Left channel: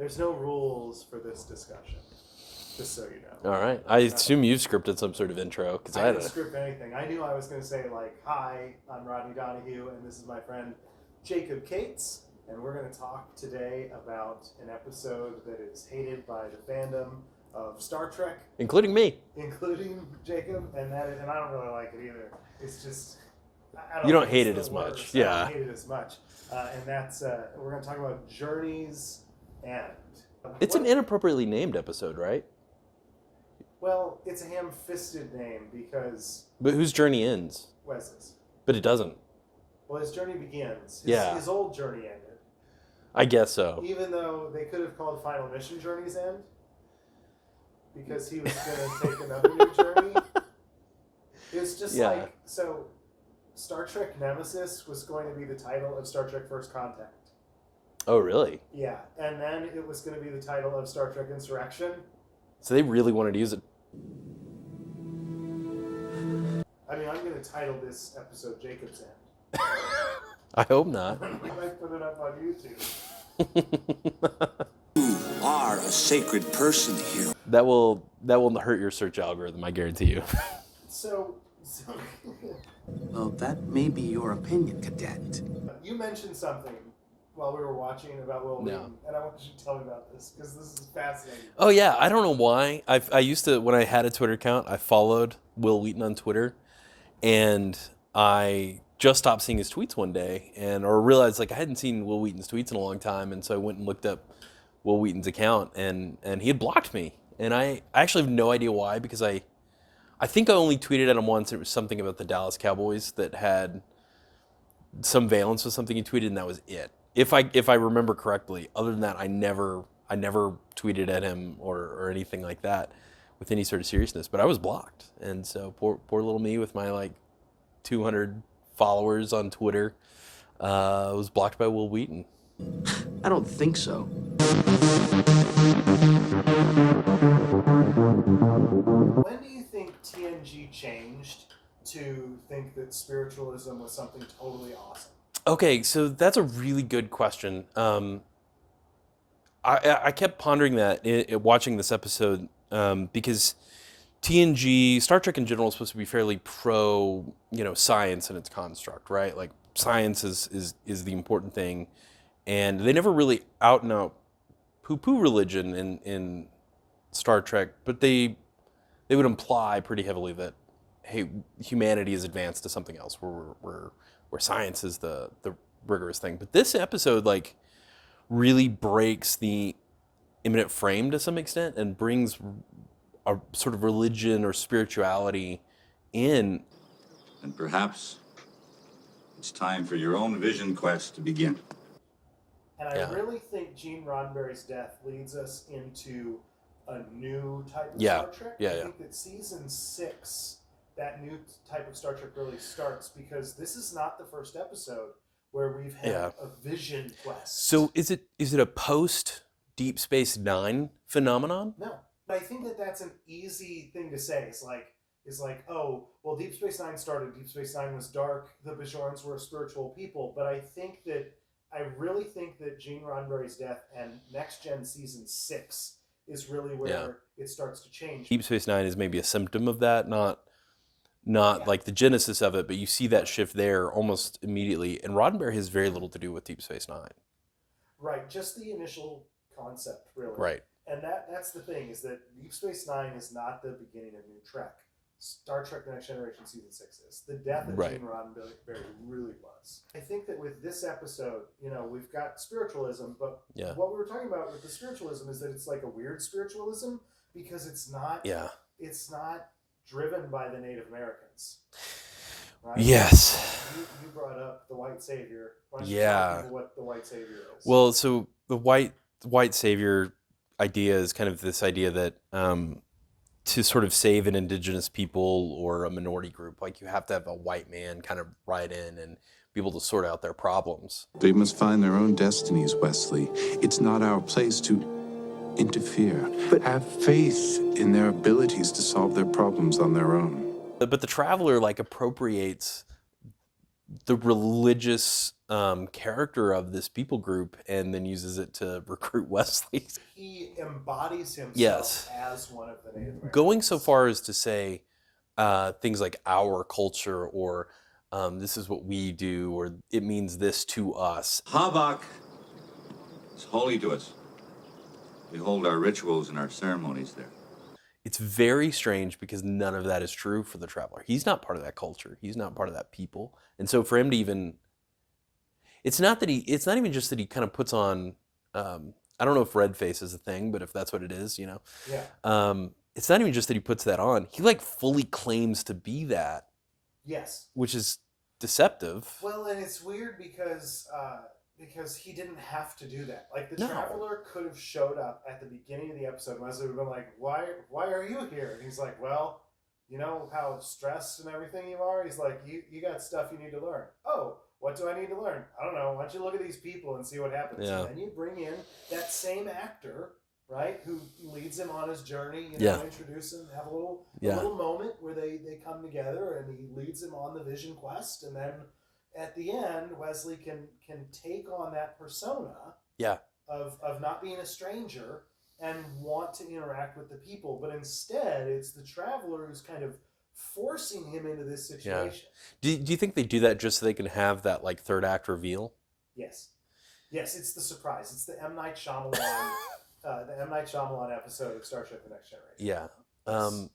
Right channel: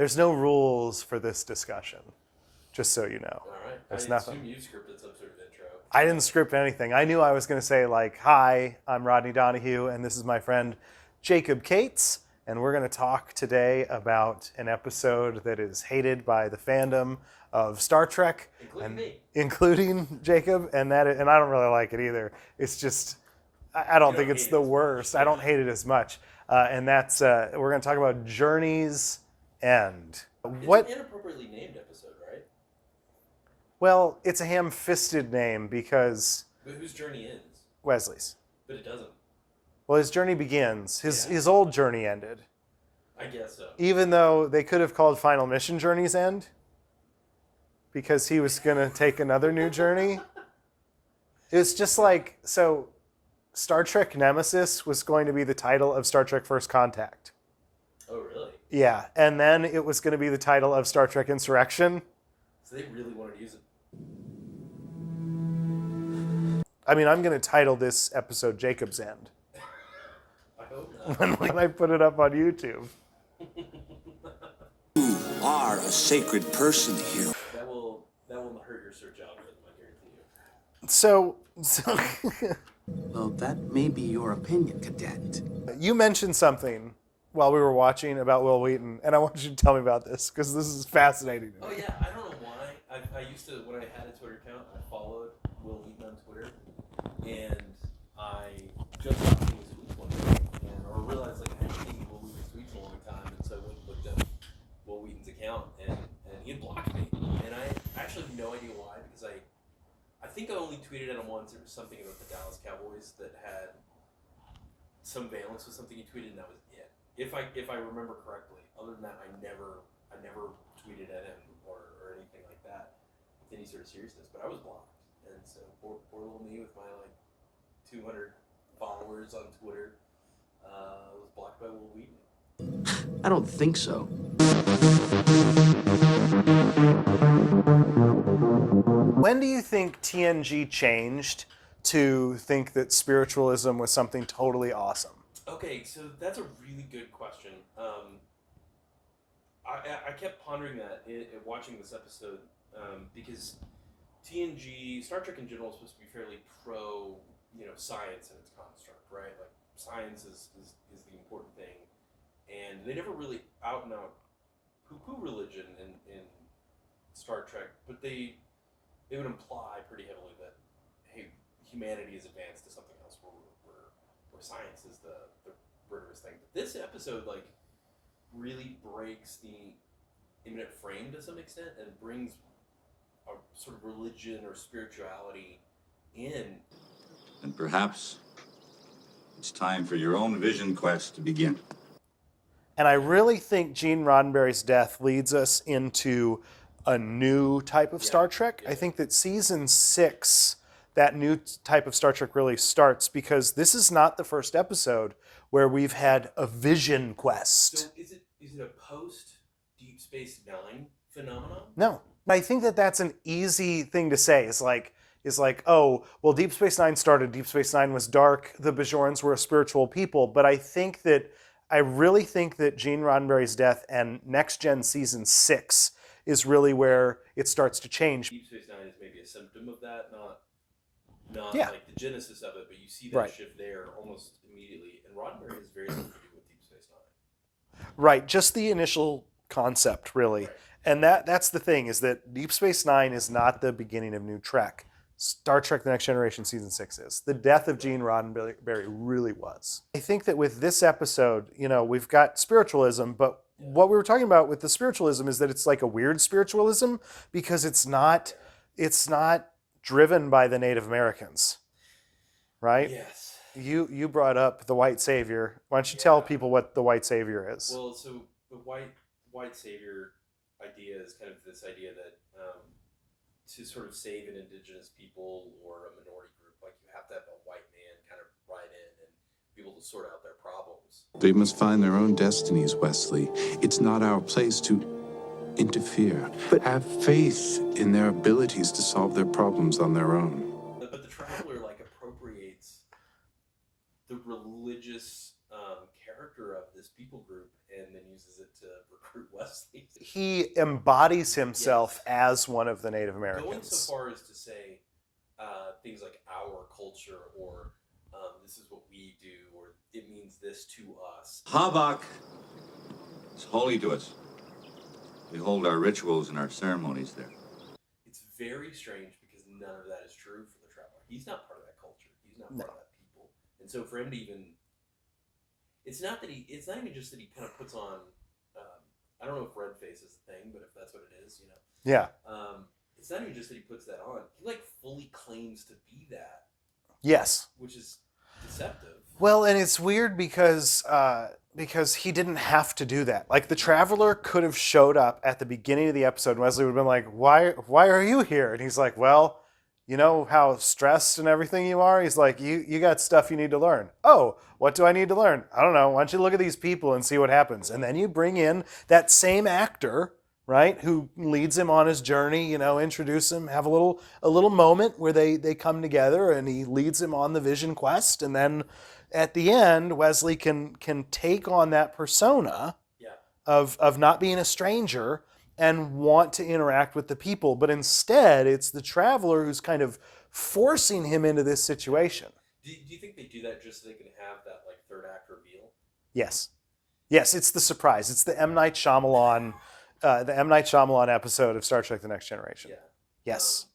There's no rules for this discussion, just so you know. All right. I assume you've scripted some sort of intro. 'Cause I didn't script anything. I knew I was going to say, like, hi, I'm Rodney Donahue, and this is my friend Jacob Cates, and we're going to talk today about an episode that is hated by the fandom of Star Trek. Including me. Including Jacob, and I don't really like it either. It's just, I don't think it's the worst. Yeah. I don't hate it as much. And that's, we're going to talk about Journey's End. It's an inappropriately named episode, right? Well, it's a ham-fisted name because... But whose journey ends? Wesley's. But it doesn't. Well, his journey begins. His old journey ended. I guess so. Even though they could have called Final Mission Journey's End, because he was going to take another new journey. It's just like, so Star Trek Nemesis was going to be the title of Star Trek First Contact. Oh, really? Yeah, and then it was going to be the title of Star Trek Insurrection. So they really wanted to use it. I mean, I'm going to title this episode Jacob's End. I hope not. And we might put it up on YouTube. You are a sacred person here. That will hurt your search algorithm, I guarantee you. So Well, that may be your opinion, Cadet. you mentioned something while we were watching about Will Wheaton, and I want you to tell me about this, because this is fascinating. Oh, yeah. I don't know why. I used to, when I had a Twitter account, I followed Will Wheaton on Twitter, and I just stopped seeing his tweets one day, or realized like I hadn't seen Will Wheaton's tweets in a long time, and so I went and looked up Will Wheaton's account, and he had blocked me. And I actually have no idea why, because I think I only tweeted at him once. It was something about the Dallas Cowboys that had some valence with something he tweeted, and that was it. If I remember correctly. Other than that, I never tweeted at him or anything like that with any sort of seriousness. But I was blocked, and so poor little me with my like 200 followers on Twitter was blocked by Will Wheaton. I don't think so. When do you think TNG changed to think that spiritualism was something totally awesome? Okay, so that's a really good question. I kept pondering that watching this episode because TNG, Star Trek in general, is supposed to be fairly pro, science and its construct, right? Like science is the important thing, and they never really out and out poo-poo religion in Star Trek, but they would imply pretty heavily that, hey, humanity is advanced to something else where science is the rigorous thing. But this episode like really breaks the immanent frame to some extent and brings a sort of religion or spirituality in. And perhaps it's time for your own vision quest to begin. And I really think Gene Roddenberry's death leads us into a new type of Star Trek. I think that season 6, that new type of Star Trek really starts, because this is not the first episode where we've had a vision quest. So is it a post Deep Space Nine phenomenon? No. I think that that's an easy thing to say. It's like, oh, well, Deep Space Nine started. Deep Space Nine was dark. The Bajorans were a spiritual people. But I really think that Gene Roddenberry's death and Next Gen season 6 is really where it starts to change. Deep Space Nine is maybe a symptom of that, not like the genesis of it, but you see that shift there almost immediately. And Roddenberry has very little to do with Deep Space Nine. Right, just the initial concept, really. Right. And that's the thing, is that Deep Space Nine is not the beginning of new Trek. Star Trek The Next Generation season 6 is. The death of Gene Roddenberry really was. I think that with this episode, we've got spiritualism, but what we were talking about with the spiritualism is that it's like a weird spiritualism, because it's not driven by the Native Americans. Right? Yes. You brought up the white savior. Why don't you tell people what the white savior is? Well, so the white savior idea is kind of this idea that to sort of save an indigenous people or a minority group, like you have to have a white man kind of ride in and be able to sort out their problems. They must find their own destinies, Wesley. It's not our place to interfere, but have faith in their abilities to solve their problems on their own. But the Traveler like appropriates the religious character of this people group and then uses it to recruit Wesley. He embodies himself Yes. as one of the Native Americans. Going so far as to say things like our culture or this is what we do or it means this to us. Habak is holy to us. We hold our rituals and our ceremonies there. It's very strange because none of that is true for the traveler. He's not part of that culture. He's not part of that people. And so for him to even, it's not even just that he kind of puts on, I don't know if red face is a thing, but if that's what it is, you know. Yeah. It's not even just that he puts that on. He like fully claims to be that, Yes. which is deceptive. Well, and it's weird because he didn't have to do that. Like the traveler could have showed up at the beginning of the episode, and Wesley would have been like, "Why are you here?" And he's like, "Well, you know how stressed and everything you are." He's like, "You got stuff you need to learn." "Oh, what do I need to learn?" "I don't know. Why don't you look at these people and see what happens?" Yeah. And then you bring in that same actor, right, who leads him on his journey. You know, Yeah. introduce him, have a little moment where they come together, and he leads him on the vision quest, and then at the end, Wesley can take on that persona Yeah. of not being a stranger and want to interact with the people. But instead, it's the traveler who's kind of forcing him into this situation. Do you think they do that just so they can have that like third act reveal? Yes. Yes, it's the surprise. It's the M. Night Shyamalan, episode of Star Trek: The Next Generation. Yeah. Yes.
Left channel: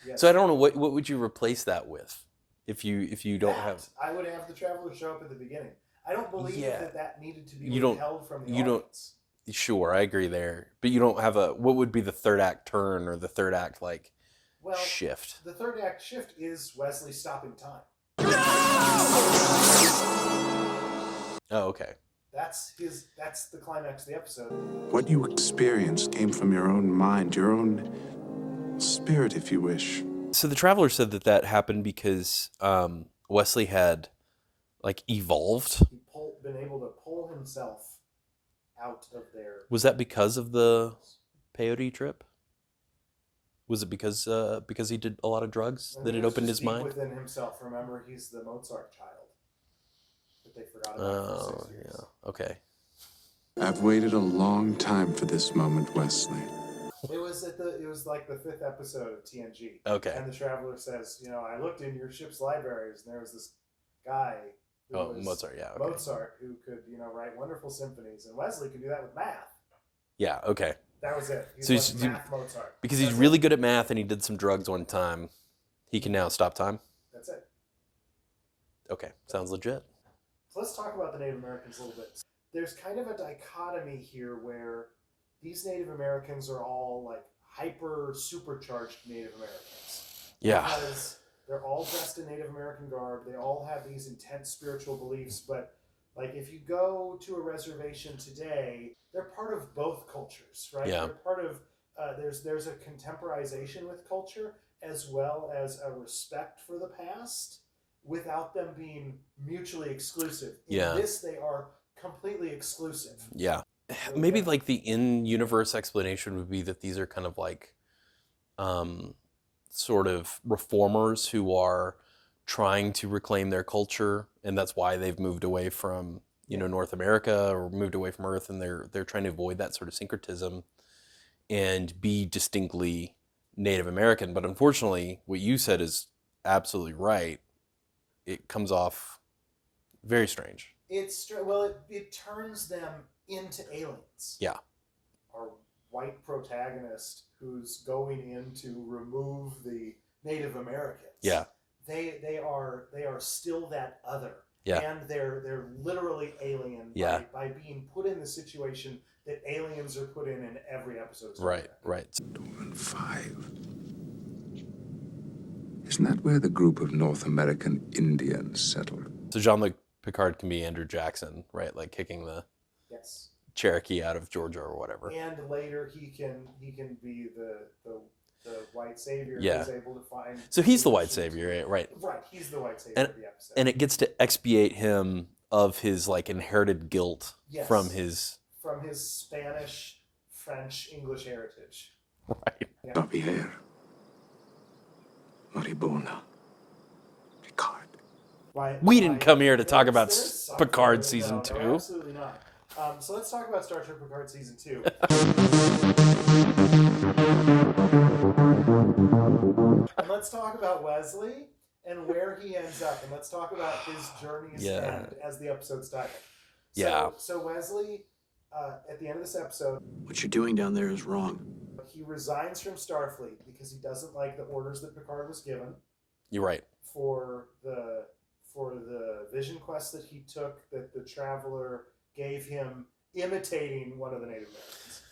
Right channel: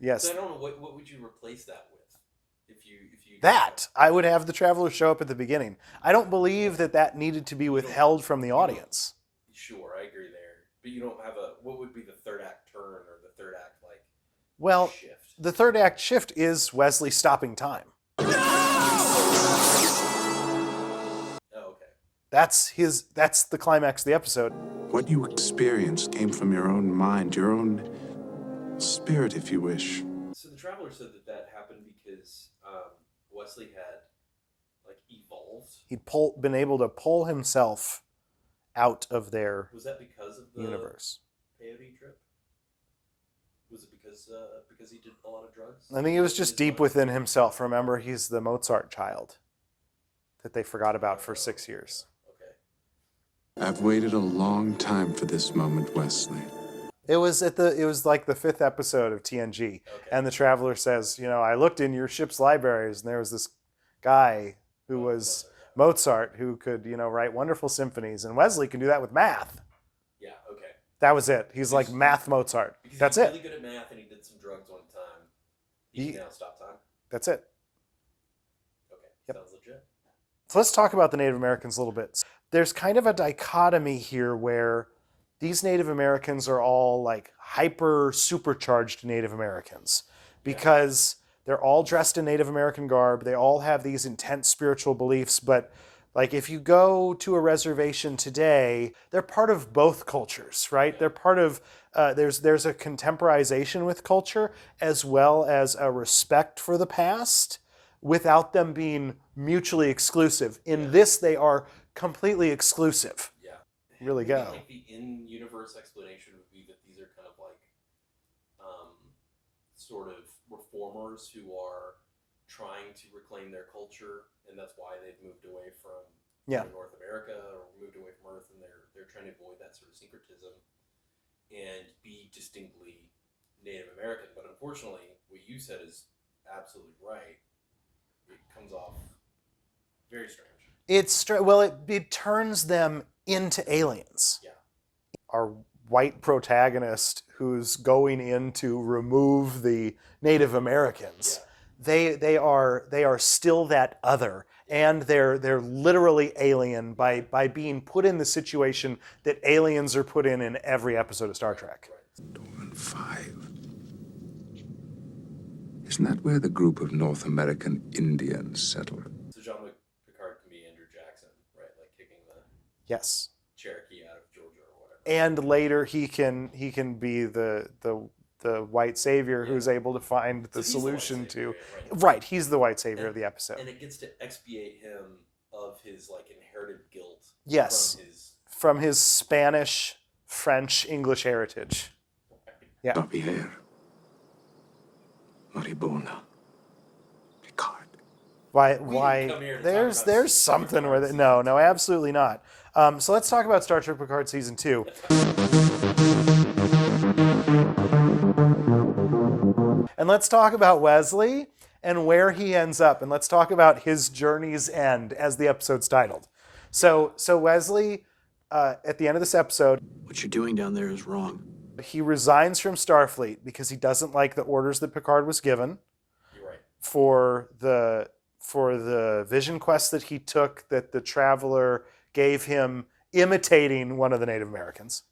Yes. So I don't know what would you replace that with if you don't have. I would have the traveler show up at the beginning. I don't believe that needed to be You don't- withheld from the you don't- audience. Sure, I agree there, but you don't have what would be the third act turn or the third act like Well, shift? the third act shift is Wesley stopping time. Oh, okay. That's the climax of the episode. What you experienced came from your own mind, your own spirit, if you wish. So the traveler said that happened because Wesley had like evolved. He'd been able to pull himself out of their Was that because of the universe. peyote trip? Was it because he did a lot of drugs? I that think it it was opened just his deep mind? within himself. Remember, he's the Mozart child that they forgot about for 6 Oh, years. yeah. Okay. I've waited a long time for this moment, Wesley. It was like the 5th episode of TNG. Okay. And the traveler says, I looked in your ship's libraries, and there was this guy who was Mozart, yeah, okay. Mozart, who could, write wonderful symphonies, and Wesley can do that with math. Yeah. Okay. That was it. He's So like he's- math Mozart. Because That's he's really it. good at math and he did some drugs one time. He can now stop time. That's it. Okay. Sounds legit. So let's talk about the Native Americans a little bit. There's kind of a dichotomy here where these Native Americans are all like hyper supercharged Native Americans. Yeah. Because they're all dressed in Native American garb. They all have these intense spiritual beliefs. But like if you go to a reservation today, they're part of both cultures, right? Yeah. They're part of, there's a contemporization with culture as well as a respect for the past without them being mutually exclusive. In Yeah. this, they are completely exclusive. Yeah. Really Maybe go. like the in-universe explanation would be that these are kind of like sort of reformers who are trying to reclaim their culture, and that's why they've moved away from North America or moved away from Earth, and they're trying to avoid that sort of syncretism and be distinctly Native American. But unfortunately, what you said is absolutely right. It comes off very strange. It turns them into aliens. Yeah. Our white protagonist who's going in to remove the Native Americans. Yeah. They are still that other. Yeah. And they're literally alien Yeah. by being put in the situation that aliens are put in every episode of Star Right. Trek. Right. Doran 5. Isn't that where the group of North American Indians settled? So Jean-Luc Picard can be Andrew Jackson, right? Like kicking the Yes. Cherokee out of Georgia or whatever. And later he can be the white savior Yeah. who's able to find. So the he's the white solution savior, to- right? Right. He's the white savior And- of the episode. And it gets to expiate him of his like inherited guilt Yes. from his Spanish, French, English heritage. right. Yeah. Javier. Maribona. Picard. We didn't come here to talk about there's something Picard with it. season No, 2. absolutely not. So let's talk about Star Trek Picard season 2. And let's talk about Wesley and where he ends up, and let's talk about his journey's end, as the episode's titled. So Wesley, at the end of this episode, What you're doing down there is wrong. he resigns from Starfleet because he doesn't like the orders that Picard was given You're right. for the vision quest that he took, that the Traveler gave him, imitating one of the Native Americans.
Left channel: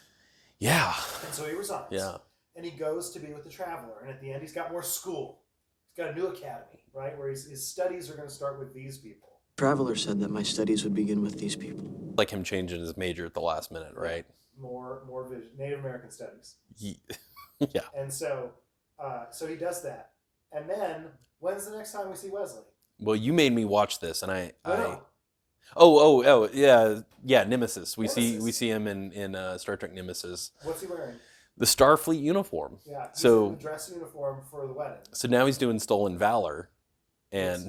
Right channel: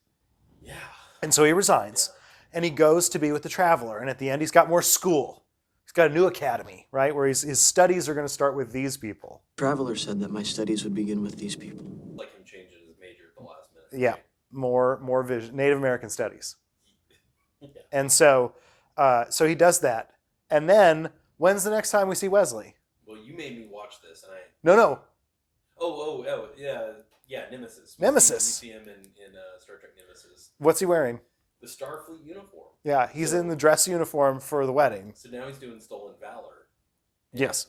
Yeah. And so he resigns, Yeah. and he goes to be with the Traveler. And at the end, he's got more school. He's got a new academy, right, where his studies are going to start with these people. Traveler said that my studies would begin with these people. Like him changing his major at the last minute, Yeah, right? more vision, Native American studies. Yeah. And so he does that. And then, when's the next time we see Wesley? Well, you made me watch this, and I No. Oh, yeah, Nemesis. We Nemesis. see him in Star Trek Nemesis. What's he wearing? The Starfleet uniform. Yeah, he's So- in the dress uniform for the wedding. So now he's doing Stolen Valor, and Yes.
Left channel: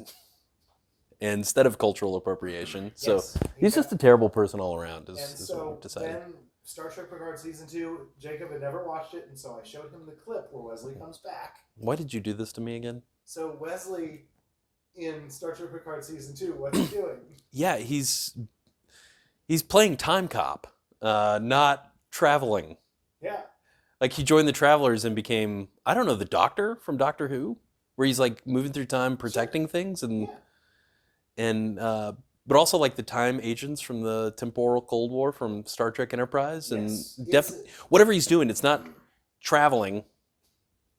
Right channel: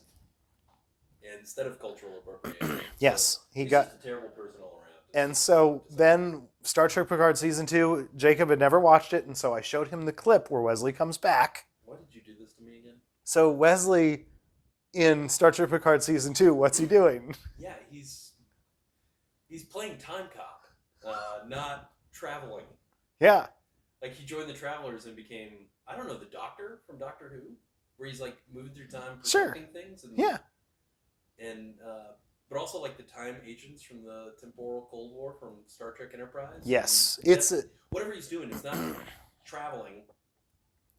instead of cultural appropriation. Yes, So he he's got- just a terrible person all around. And so then Star Trek Picard season 2, Jacob had never watched it, and so I showed him the clip where Wesley comes back. Why did you do this to me again? So Wesley in Star Trek Picard season 2, what's he doing? Yeah, he's playing time cop, not traveling. Yeah. Like he joined the Travelers and became, I don't know, the Doctor from Doctor Who, where he's like moving through time, protecting things, and Yeah. and but also like the time agents from the temporal Cold War from Star Trek Enterprise. Yes. And whatever he's doing, it's not traveling,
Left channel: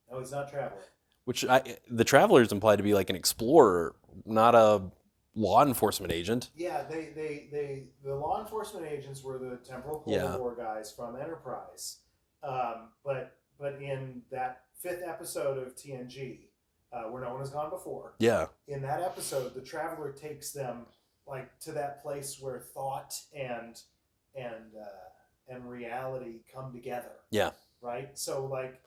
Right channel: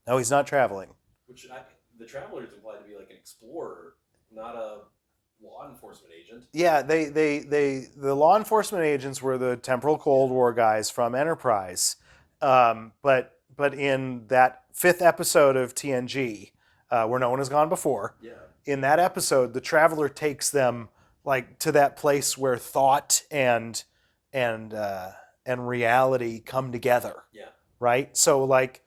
No, he's not traveling. which the Travelers imply to be like an explorer, not a law enforcement agent. Yeah, the law enforcement agents were the temporal Cold Yeah. War guys from Enterprise. But in that 5th episode of TNG, where no one has gone before, Yeah, in that episode, the Traveler takes them like to that place where thought and reality come together, yeah, right? So like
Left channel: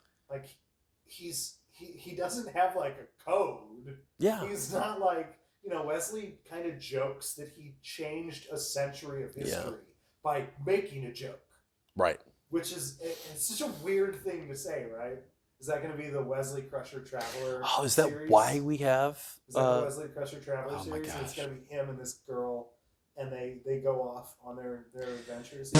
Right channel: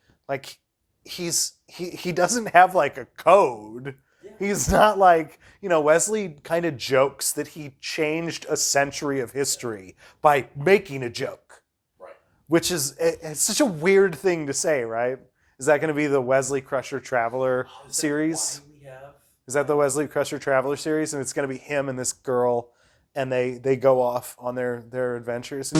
he doesn't have like a code. yeah. He's not like, Wesley kind of jokes that he changed a century of history by making a joke, Right. which is it's such a weird thing to say, right? Is that going to be the Wesley Crusher Traveler Oh, is series? that why we have? Is that the Wesley Crusher Traveler series? And it's going to be him and this girl, and they go off on their adventures.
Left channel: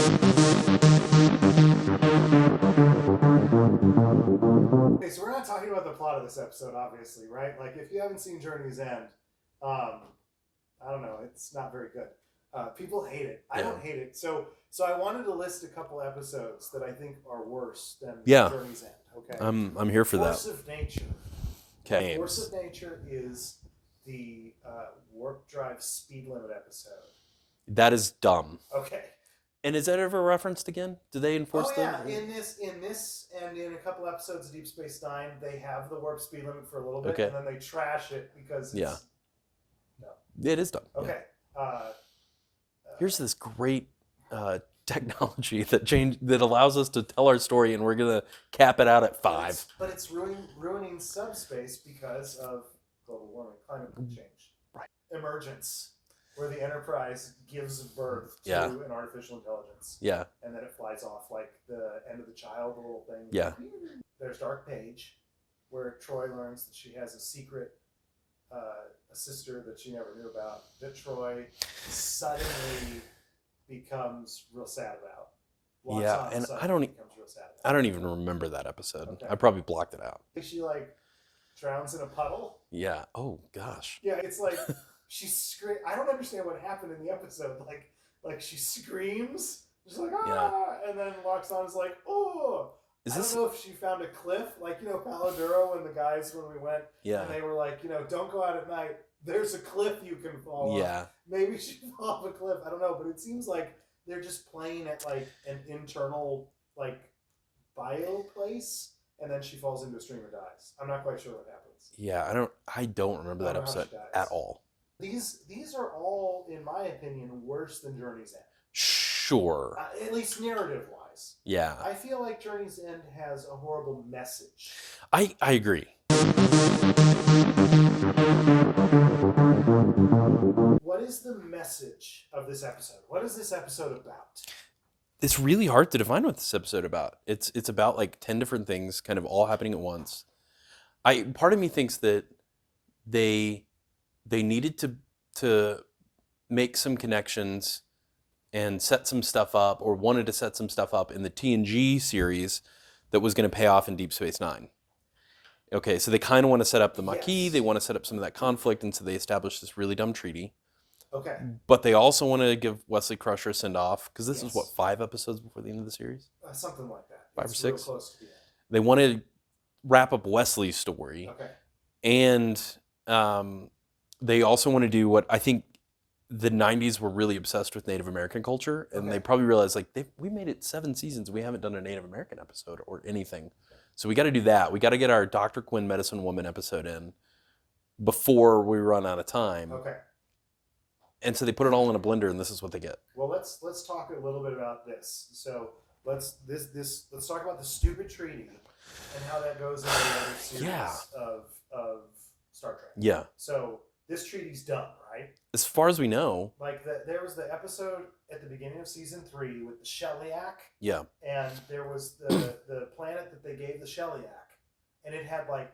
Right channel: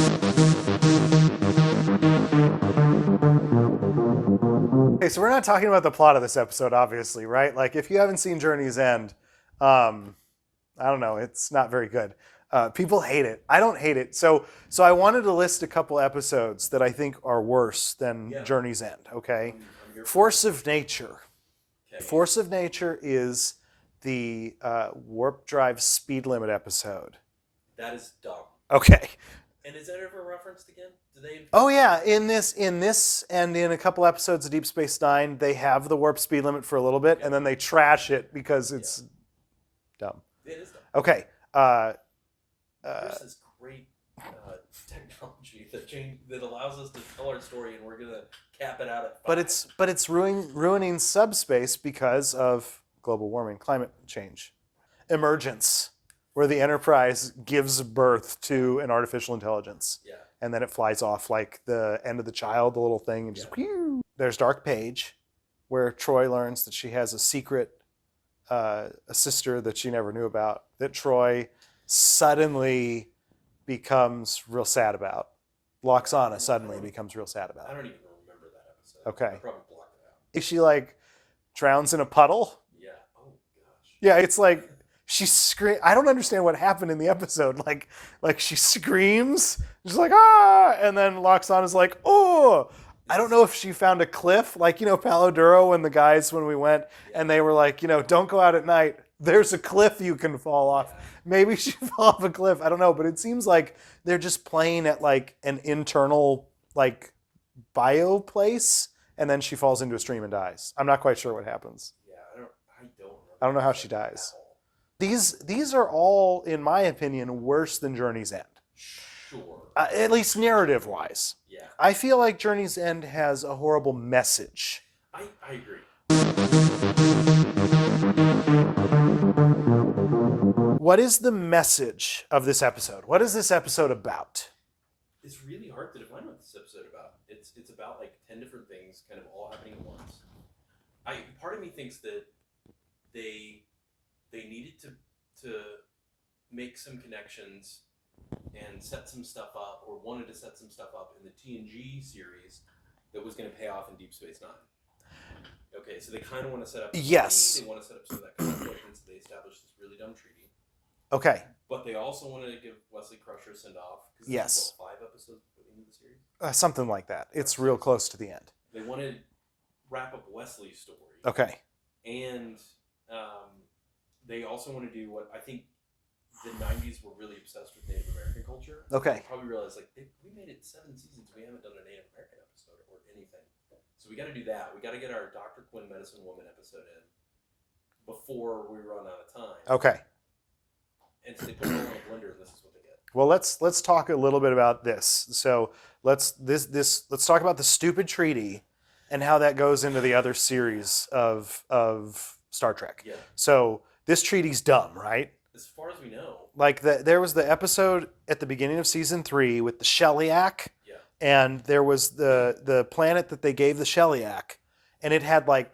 Okay, so we're not talking about the plot of this episode, obviously, right? Like, if you haven't seen Journey's End, I don't know, it's not very good. People hate it. I don't hate it. So I wanted to list a couple episodes that I think are worse than Journey's End. Okay, I'm here for Force that. of Nature. Okay. Force of Nature is the warp drive speed limit episode. That is dumb. Okay. And is that ever referenced again? Do they enforce Oh yeah, that? in this and in a couple episodes of Deep Space Nine, they have the warp speed limit for a little bit, Okay. and then they trash it because it's dumb. It is dumb. Okay. Here's this great technology that allows us to tell our story, and we're gonna cap it out at 5. But it's ruining subspace because of global warming, climate change, emergence, where the Enterprise gives birth to an artificial intelligence. Yeah. And then it flies off like the end of the child, the little thing. And Yeah. just, pew. There's Dark Page, where Troy learns that she has a secret, a sister that she never knew about, that Troy suddenly becomes real sad about. Locks Yeah, on and and suddenly becomes real sad about. I don't even remember that episode. Okay. I probably blocked it out. She like drowns in a puddle. Yeah. Oh gosh. Yeah, it's like she scream. I don't understand what happened in the episode. Like she screams, she's like and then Loxana is like, oh. I don't know if she found a cliff, like Palo Duro and the guys when we went, and they were like, don't go out at night. There's a cliff you can fall off. Yeah. Maybe she fell off a cliff. I don't know, but it seems like they're just playing at like an internal like bio place, and then she falls into a stream and dies. I'm not quite sure what happens. Yeah. I don't remember. I don't that know how episode she dies. at all. These are all, in my opinion, worse than Journey's End. Sure. At least narrative-wise. Yeah. I feel like Journey's End has a horrible message. I agree. What is the message of this episode? What is this episode about? It's really hard to define what this episode about. It's about like 10 different things kind of all happening at once. Part of me thinks that they needed to make some connections and set some stuff up, or wanted to set some stuff up in the TNG series that was going to pay off in Deep Space Nine. Okay, so they kind of want to set up the Maquis, Yes. they want to set up some of that conflict, and so they established this really dumb treaty. Okay. But they also want to give Wesley Crusher a send-off, because this Yes. is, what, 5 episodes before the end of the series? Something like that. 5 or It's real 6. close to the end. They want to wrap up Wesley's story. Okay. And they also want to do what I think the 90s were really obsessed with Native American culture. And Okay. they probably realized, like, we made it 7 seasons. We haven't done a Native American episode or anything. So we got to do that. We got to get our Dr. Quinn Medicine Woman episode in before we run out of time. Okay. And so they put it all in a blender, and this is what they get. Well, let's talk a little bit about this. So let's talk about the stupid treaty and how that goes into the other series of Star Trek. Yeah. So this treaty's dumb, right? As far as we know, Like there was the episode at the beginning of season 3 with the Shellyak, yeah. and there was the planet that they gave the Shellyak, and it had like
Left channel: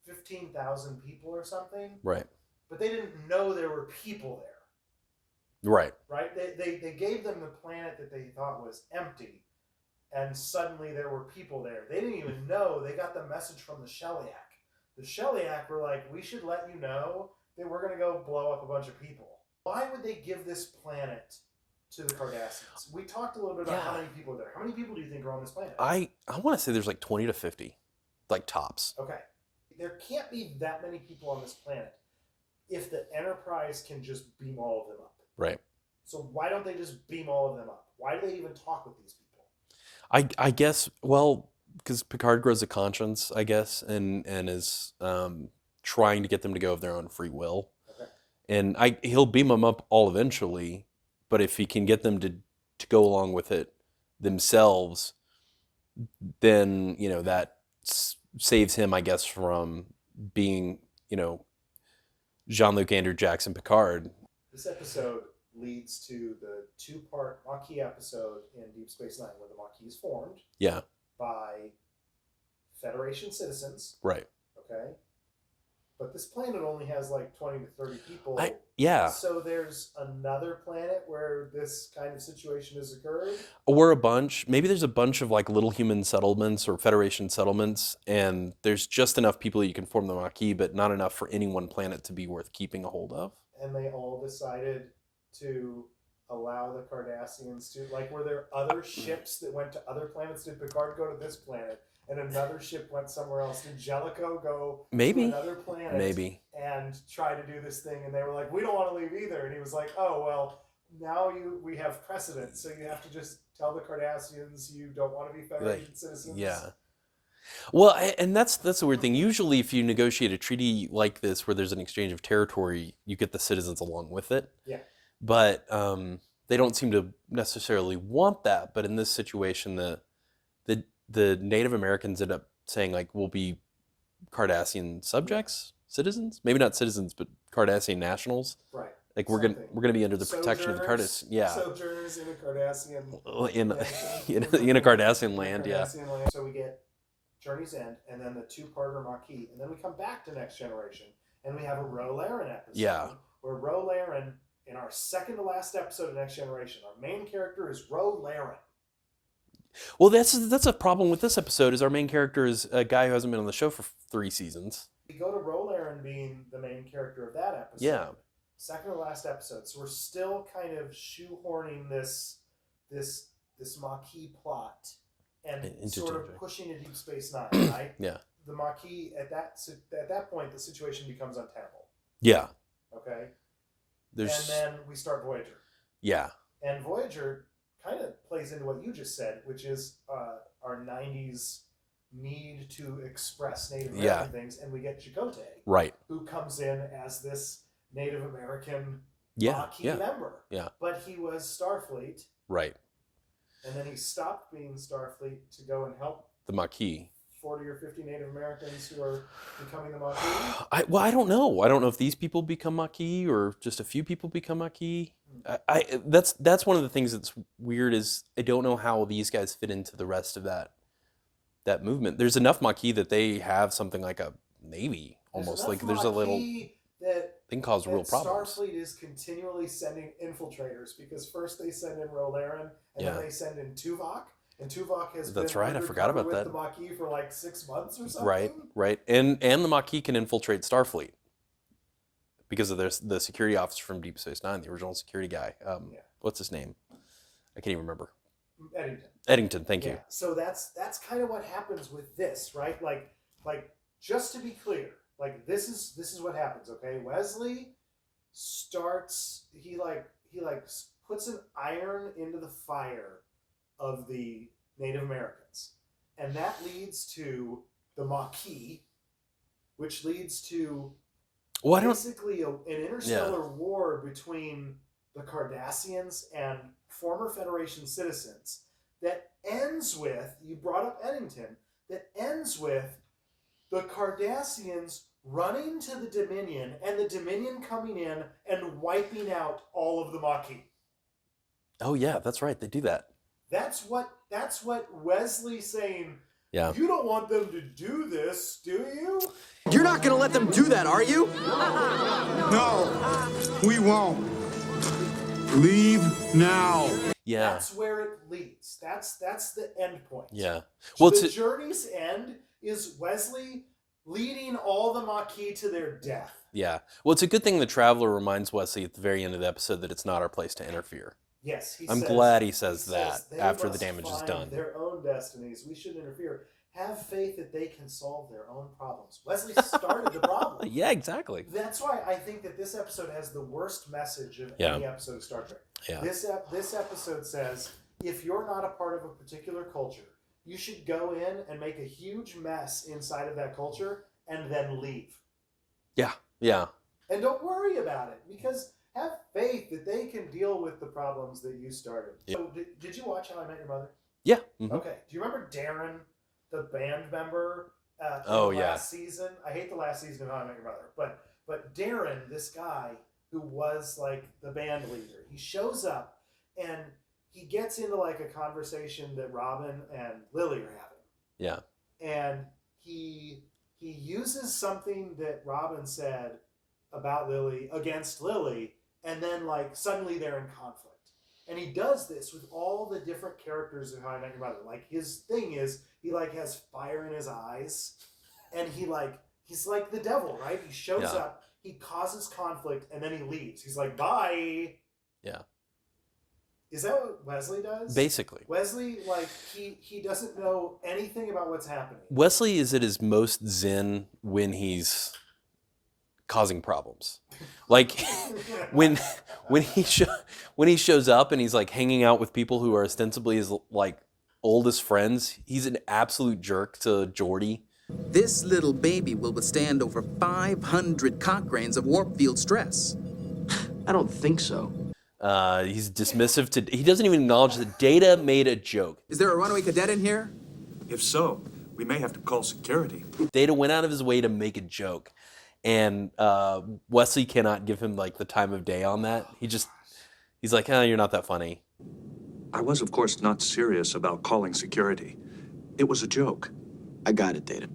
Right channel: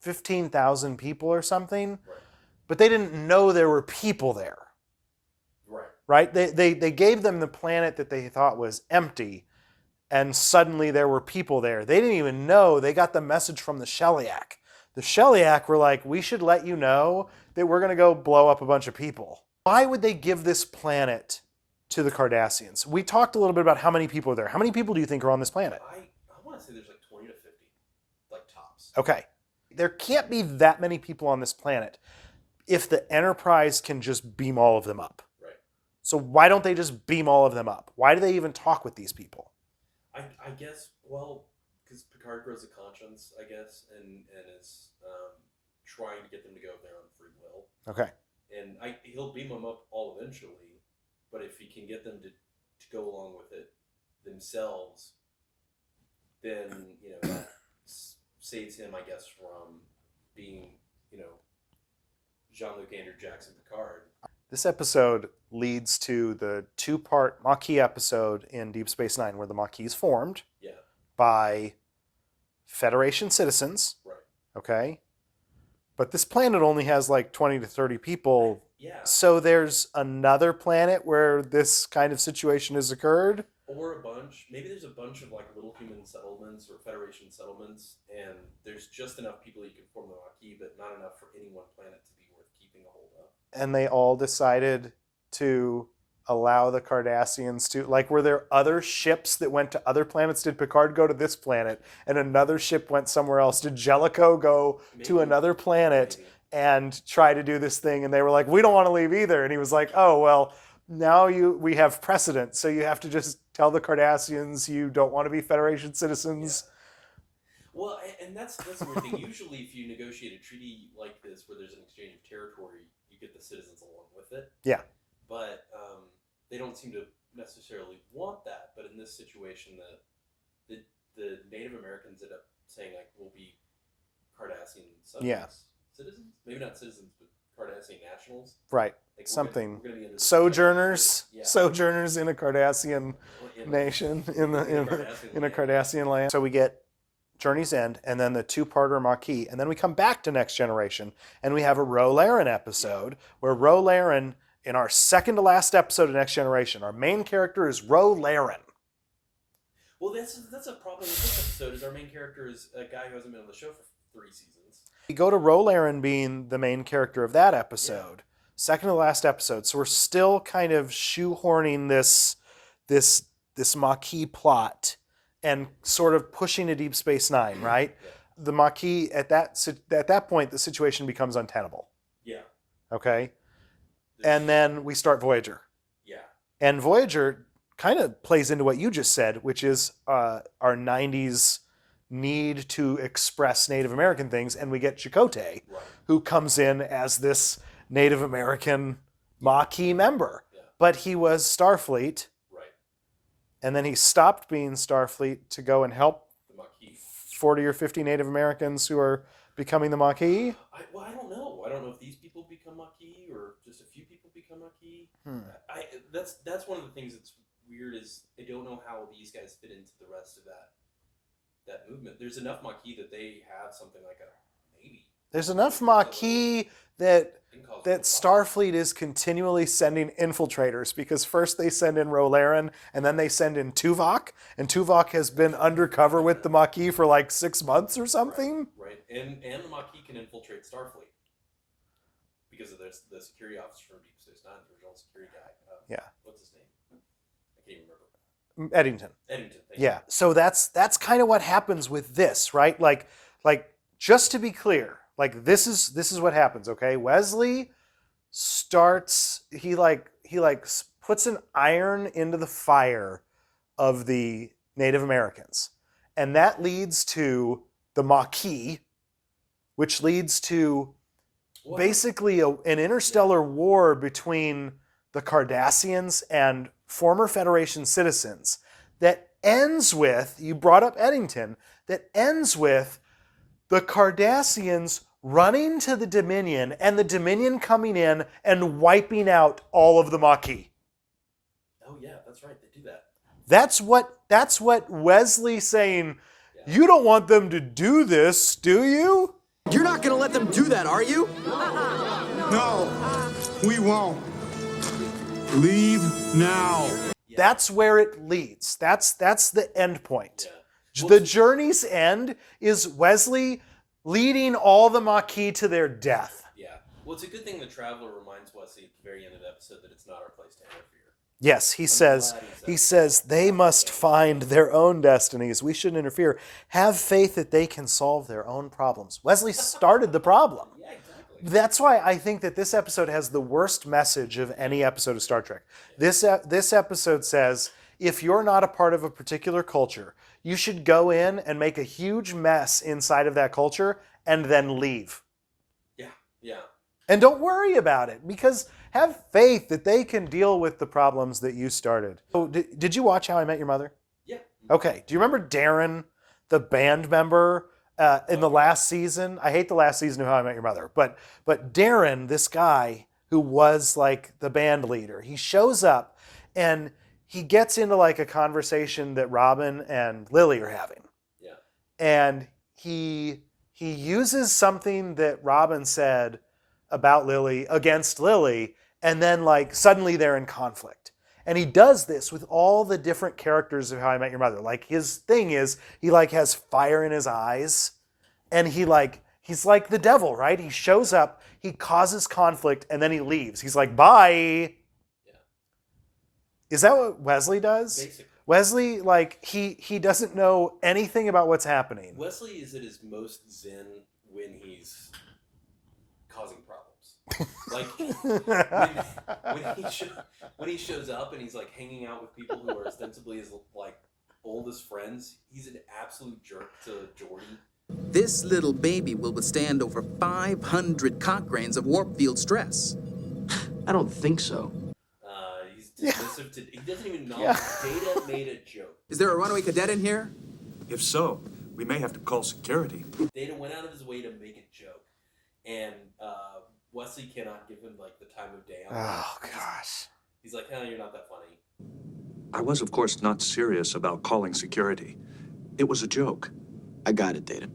15,000 people or something, Right. but they didn't know there were people there. Right. Right? They gave them the planet that they thought was empty, and suddenly there were people there. They didn't even know. They got the message from the Shellyak. The Shellyak were like, we should let you know that we're going to go blow up a bunch of people. Why would they give this planet to the Cardassians? We talked a little bit about how many people are there. How many people do you think are on this planet? I want to say there's like 20 to 50, like tops. Okay. There can't be that many people on this planet if the Enterprise can just beam all of them up. Right. So why don't they just beam all of them up? Why do they even talk with these people? I guess, well, because Picard grows a conscience, I guess, and is trying to get them to go of their own free will. Okay. And he'll beam them up all eventually, but if he can get them to go along with it themselves, then, that saves him, I guess, from being, Jean-Luc Andrew Jackson Picard. This episode leads to the 2-part Maquis episode in Deep Space Nine, where the Maquis is formed Yeah, by Federation citizens. right. Okay. But this planet only has like 20 to 30 people. Yeah. So there's another planet where this kind of situation has occurred. Or maybe there's a bunch of like little human settlements or Federation settlements, and there's just enough people that you can form the Maquis, but not enough for any one planet to be worth keeping a hold of. And they all decided to allow the Cardassians to, like, were there other ships that went to other planets? Did Picard go to this planet and another ship went somewhere else? Did Jellicoe go Maybe. to another planet Maybe. and try to do this thing? And they were like, we don't want to leave either. And he was like, oh, well, now we have precedent. So you have to just tell the Cardassians you don't want to be Federation citizens. Yeah. Well, and that's the weird thing. Usually, if you negotiate a treaty like this, where there's an exchange of territory, you get the citizens along with it. Yeah. But they don't seem to necessarily want that. But in this situation, the Native Americans end up saying, like, we'll be Cardassian subjects, citizens, maybe not citizens, but Cardassian nationals. Right. Like Something. we're gonna be under the protection of the Sojourners. Cardass- yeah, Sojourners in a Cardassian in nation. in a Cardassian in land. a Cardassian land. So we get Journey's End, and then the 2-parter Maquis, and then we come back to Next Generation, and we have a Ro Laren episode where Ro Laren, in our second to last episode of Next Generation, our main character is Ro Laren. Well, that's a problem with this episode. Is our main character is a guy who hasn't been on the show for 3 seasons. We go to Ro Laren being the main character of that episode, second to last episode. So we're still kind of shoehorning this Maquis plot and sort of pushing to Deep Space Nine, right? Yeah. The Maquis at that point, the situation becomes untenable. Yeah. Okay. There's- And then we start Voyager. yeah. And Voyager kind of plays into what you just said, which is our 90s need to express Native American Yeah. things. And we get Chakotay, Right. who comes in as this Native American Yeah, Maquis yeah. member. Yeah. But he was Starfleet, Right. and then he stopped being Starfleet to go and help The Maquis. 40 or 50 Native Americans who are becoming the Maquis? I don't know. I don't know if these people become Maquis or just a few people become Maquis. That's one of the things that's weird is I don't know how these guys fit into the rest of that movement. There's enough Maquis that they have something like a navy. There's almost. enough Like, there's a Maquis little that thing cause that real problems. Starfleet is continually sending infiltrators because first they send in Rolaren and then they send in Tuvok, and Tuvok has That's been right, I forgot undercover about with that. the Maquis for like 6 months or Right, something. right, and the Maquis can infiltrate Starfleet because of the security officer from Deep Space Nine, the original security guy. Yeah. What's his name? I can't even remember. Eddington. Eddington. Thank you. Yeah. So that's kind of what happens with this, right? Like just to be clear, like this is what happens, okay? Wesley starts he puts an iron into the fire of the Native Americans. And that leads to the Maquis, which leads to Well, I don't- basically an interstellar war between the Cardassians and former Federation citizens that ends with, you brought up Eddington, that ends with the Cardassians running to the Dominion and the Dominion coming in and wiping out all of the Maquis. Oh yeah, that's right. They do that. That's what Wesley saying, Yeah. you don't want them to do this, do you? You're not gonna let them do that, are you? No, we won't. Leave now. Yeah. That's where it leads. That's the end point. yeah. The journey's end is Wesley leading all the Maquis to their death. Yeah. Well, it's a good thing the Traveler reminds Wesley at the very end of the episode that it's not our place to interfere. Yes, he I'm says. glad he says that they after the must damage is find done." their own destinies. We shouldn't interfere. Have faith that they can solve their own problems. Wesley started the problem. Yeah, exactly. That's why I think that this episode has the worst message of any Yeah. episode of Star Trek. Yeah. This episode says, if you're not a part of a particular culture, you should go in and make a huge mess inside of that culture and then leave. Yeah. Yeah. And don't worry about it, because have faith that they can deal with the problems that you started. So, did you watch How I Met Your Mother? Yeah. Mhm. Okay. Do you remember Darren, the band member in Oh, the yeah. last season? I hate the last season of How I Met Your Mother, but Darren, this guy who was like the band leader, he shows up and he gets into like a conversation that Robin and Lily are having, Yeah. and he uses something that Robin said about Lily against Lily, and then like suddenly they're in conflict. And he does this with all the different characters of How I Met Your Mother. Like his thing is he like has fire in his eyes, and he's like the devil, right? He shows Yeah. up, he causes conflict, and then he leaves. He's like, bye. Yeah. Is that what Wesley does? Basically. Wesley, like he doesn't know anything about what's happening. Wesley is at his most zen when he's causing problems. Like when he shows up and he's like hanging out with people who are ostensibly his like oldest friends, he's an absolute jerk to Geordi. This little baby will withstand over 500 Cochranes of warp field stress. I don't think so. He's dismissive to. He doesn't even acknowledge that Data made a joke. Is there a runaway cadet in here? If so, we may have to call security. Data went out of his way to make a joke, and Wesley cannot give him like the time of day on that. He's like, you're not that funny. I was, of course, not serious about calling security. It was a joke. I got it, Data.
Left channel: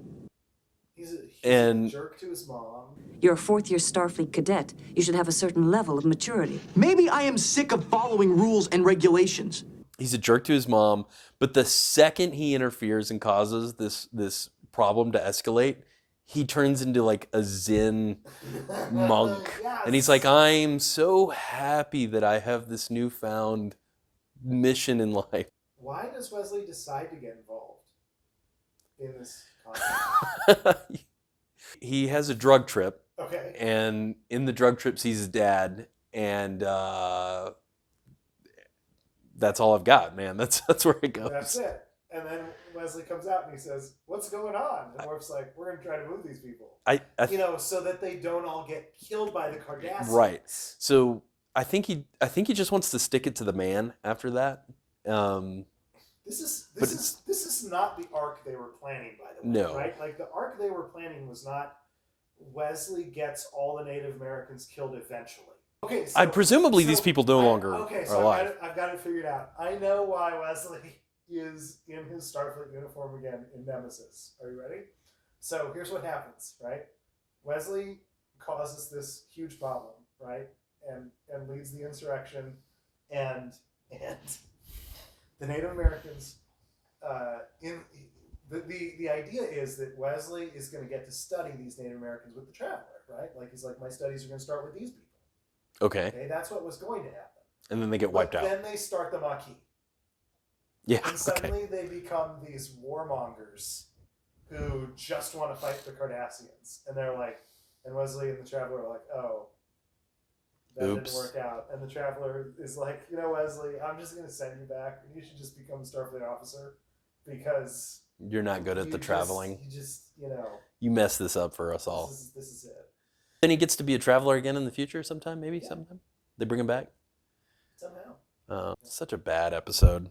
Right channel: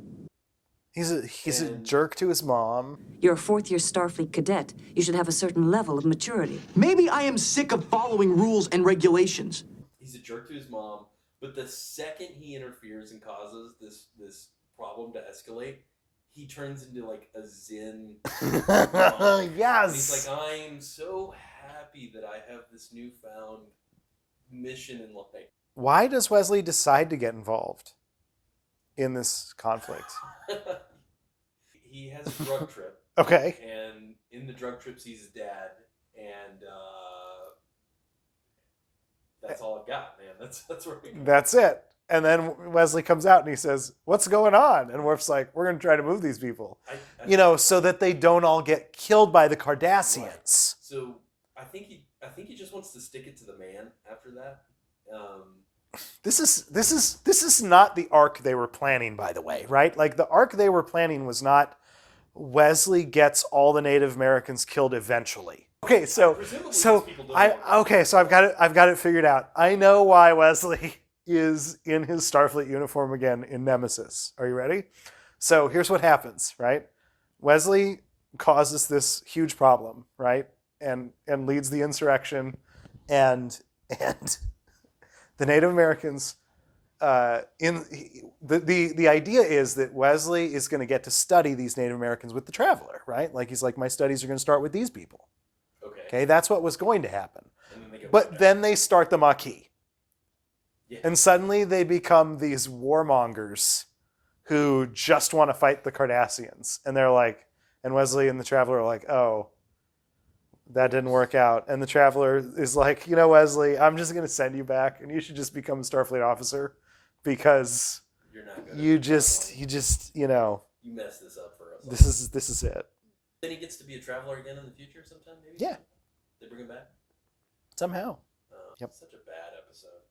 He's a And- jerk to his mom. You're a fourth-year Starfleet cadet. You should have a certain level of maturity. Maybe I am sick of following rules and regulations. He's a jerk to his mom, but the second he interferes and causes this problem to escalate, he turns into like a Zen monk. Yes. And he's like, I'm so happy that I have this newfound mission in life. Why does Wesley decide to get involved in this conflict? He has a drug trip, Okay. and in the drug trip sees his dad, and that's all I've got, man. That's where it goes. That's it. And then Wesley comes out and he says, "What's going on?" And Worf's like, "We're going to try to move these people, I so that they don't all get killed by the Cardassians." Right. So I think he just wants to stick it to the man after that. this is not the arc they were planning, by the way, No. right? Like the arc they were planning was not Wesley gets all the Native Americans killed eventually. Okay, so presumably these people no longer so are I've got it figured out. I know why Wesley is in his Starfleet uniform again in Nemesis. Are you ready? So here's what happens, right? Wesley causes this huge problem, right? And leads the insurrection, and the Native Americans. The idea is that Wesley is going to get to study these Native Americans with the Traveler, right? Like he's like, my studies are going to start with these people. Okay. Okay, that's what was going to happen. And then they get wiped But out. then they start the Maquis, Yeah. and suddenly they become these warmongers who just want to fight the Cardassians, and they're like, and Wesley and the Traveler are like, oh. That didn't Oops. work out. And the Traveler is like, you know, Wesley, I'm just going to send you back, and you should just become a Starfleet officer because You're not good at you the traveling. you know, You messed this up for us all. this is it. Then he gets to be a traveler again in the future sometime, maybe? Yeah. Sometime? They bring him back? Somehow. Such a bad episode.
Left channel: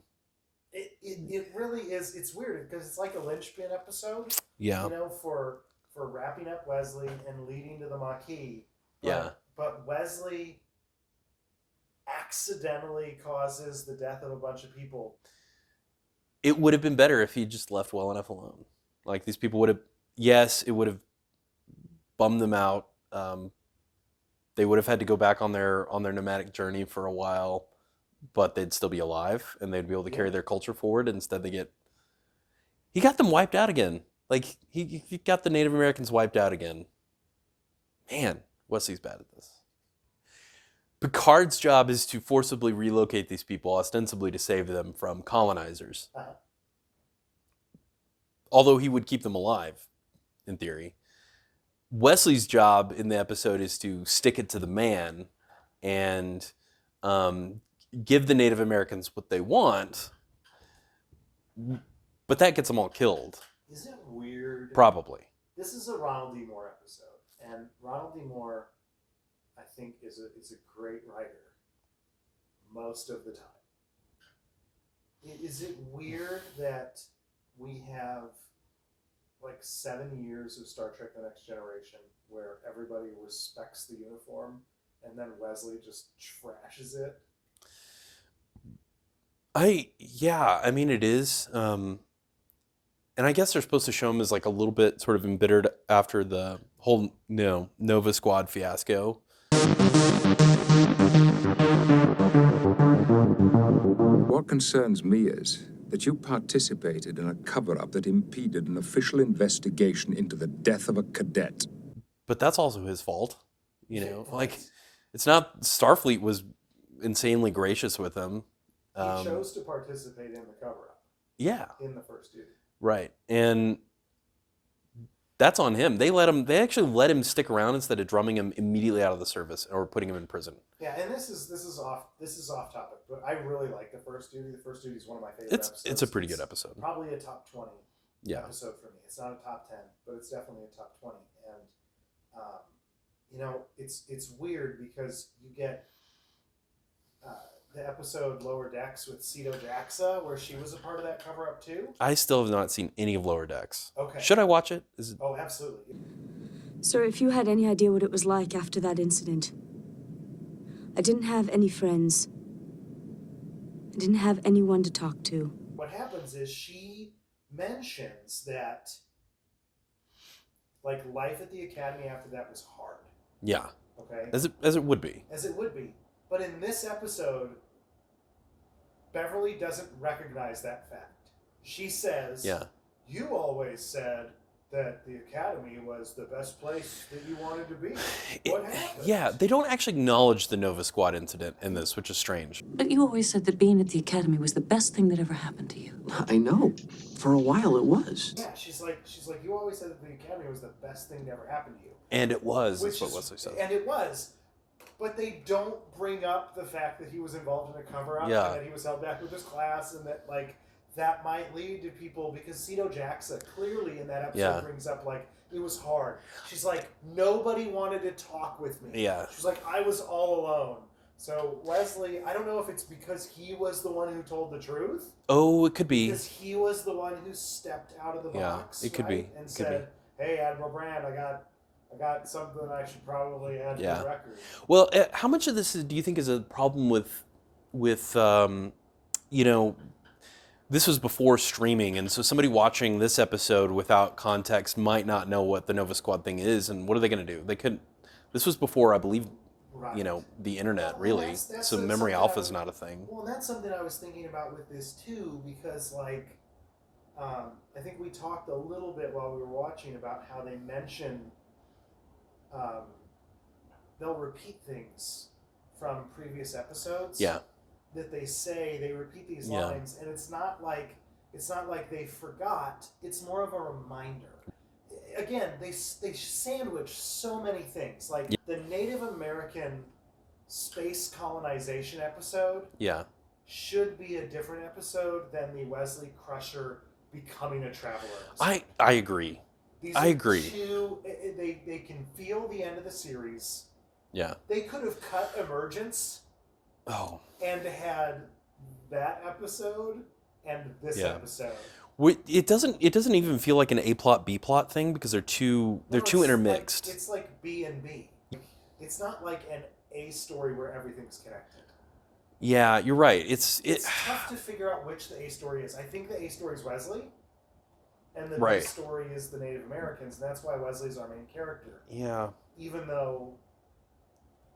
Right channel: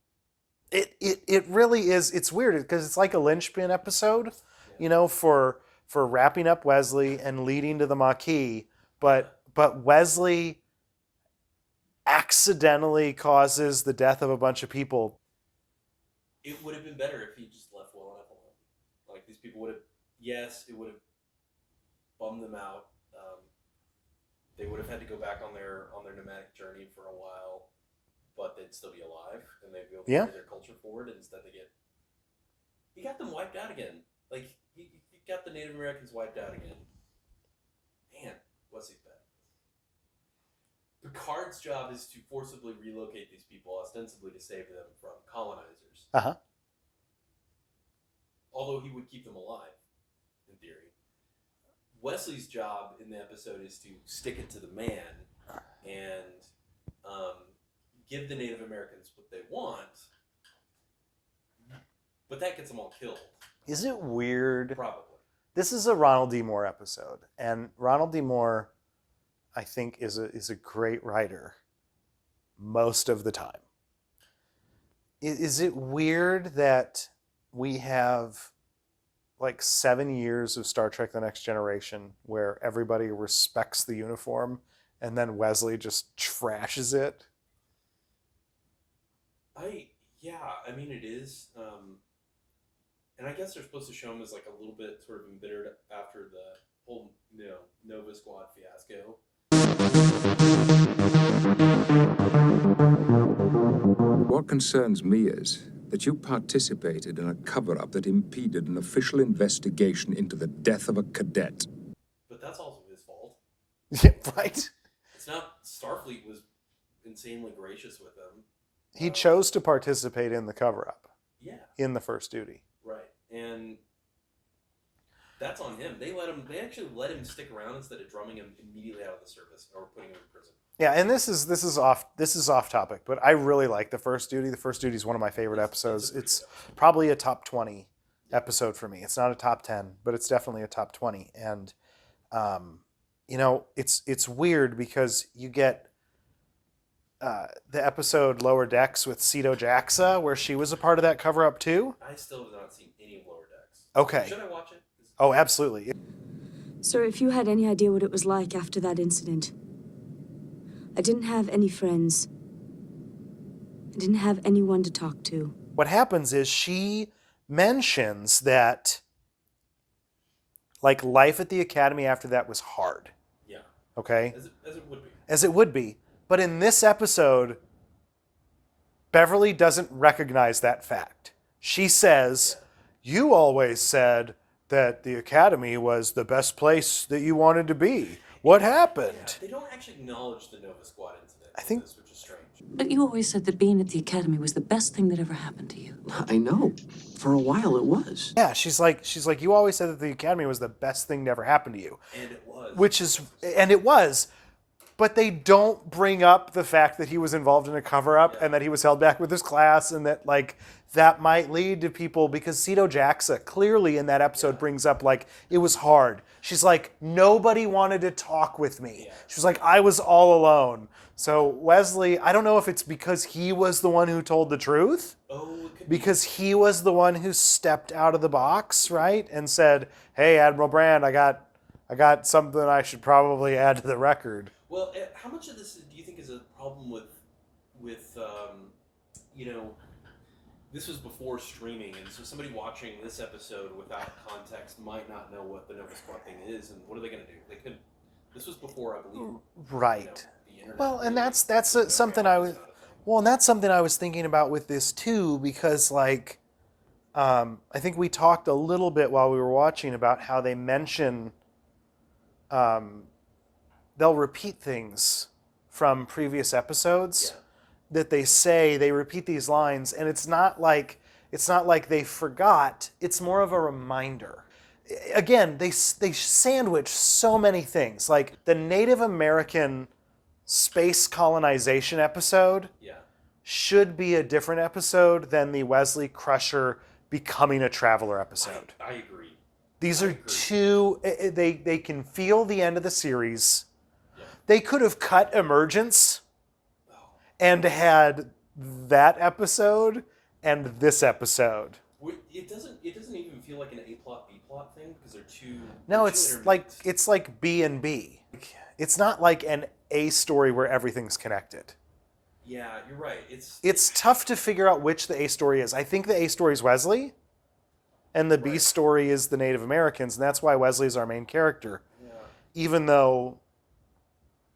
It really is. It's weird because it's like a linchpin episode, Yeah. you know, for wrapping up Wesley and leading to the Maquis. But Wesley accidentally causes the death of a bunch of people. It would have been better if he just left well enough alone. Like these people would have, yes, it would have bummed them out. They would have had to go back on their nomadic journey for a while, but they'd still be alive and they'd be able to carry their culture forward. Instead, he got them wiped out again. Like he got the Native Americans wiped out again. Man, Wesley's bad at this. Picard's job is to forcibly relocate these people, ostensibly to save them from colonizers. Uh-huh. Although he would keep them alive, in theory. Wesley's job in the episode is to stick it to the man and give the Native Americans what they want, but that gets them all killed. Is it weird? Probably. This is a Ronald D. Moore episode, and Ronald D. Moore, I think, is a great writer most of the time. Is it weird that we have like 7 years of Star Trek: The Next Generation where everybody respects the uniform, and then Wesley just trashes it? I mean, it is. And I guess they're supposed to show him as like a little bit sort of embittered after the whole Nova Squad fiasco. What concerns me is that you participated in a cover-up that impeded an official investigation into the death of a cadet. But that's also his fault. You know? Right. Like, it's not. Starfleet was insanely gracious with him. He chose to participate in the cover-up Yeah. in the first duty. Right. And that's on him. They actually let him stick around instead of drumming him immediately out of the service or putting him in prison. Yeah, and this is off topic, but I really like the first duty. The first duty is one of my favorite episodes. It's a pretty good episode. Probably a top 20 Yeah. episode for me. It's not a top 10, but it's definitely a top 20. And you know, it's weird because you get the episode Lower Decks with Ceto Jaxa, where she was a part of that cover up too. I still have not seen any of Lower Decks. Okay. Should I watch it? Oh, absolutely. Sir, if you had any idea what it was like after that incident, I didn't have any friends. I didn't have anyone to talk to. What happens is she mentions that like life at the academy after that was hard. Yeah. Okay. As it would be. As it would be. But in this episode, Beverly doesn't recognize that fact. She says, Yeah. You always said that the academy was the best place that you wanted to be. What happened? Yeah, they don't actually acknowledge the Nova Squad incident in think- this, which is strange. But you always said that being at the academy was the best thing that ever happened to you. I know. For a while it was. Yeah, she's like, you always said that the academy was the best thing to ever happen to you. And it was. Which what is, Wesley said. and it was, but they don't bring up the fact that he was involved in a cover-up Yeah. and that he was held back with his class and that like that might lead to people, because Cito Jaxa clearly in that episode Yeah. brings up like it was hard. She's like, nobody wanted to talk with me. Yeah. She's like, I was all alone. So Wesley, I don't know if it's because he was the one who told the truth, Oh, it could be. because he was the one who stepped out of the box, it could right? be. And said, "Hey, Admiral Brand, I got something I should probably add to the Yeah. record." Well, how much of this do you think is a problem with you know, this was before streaming, and so somebody watching this episode without context might not know what the Nova Squad thing is, and what are they going to do? They couldn't. This was before, I believe, Right. you know, the internet. Well, really, and that's so memory something alpha is not a thing. Well, and that's something I was thinking about with this too, because like, I think we talked a little bit while we were watching about how they mention, they'll repeat things from previous episodes. Yeah. That they repeat these lines, and it's not like they forgot. It's more of a reminder. Again, they sandwich so many things, like the Native American space colonization episode Yeah. should be a different episode than the Wesley Crusher becoming a traveler episode. I agree. These I are agree. two. They can feel the end of the series. Yeah. They could have cut Emergence Oh. and had that episode and this Yeah. episode. It doesn't even feel like an A plot B plot thing because they're too It's intermixed. like it's like B and B. It's not like an A story where everything's connected. Yeah, you're right. It's Tough to figure out which the A story is. I think the A story is Wesley, and the B Right. story is the Native Americans, and that's why Wesley's our main character. yeah. Even though,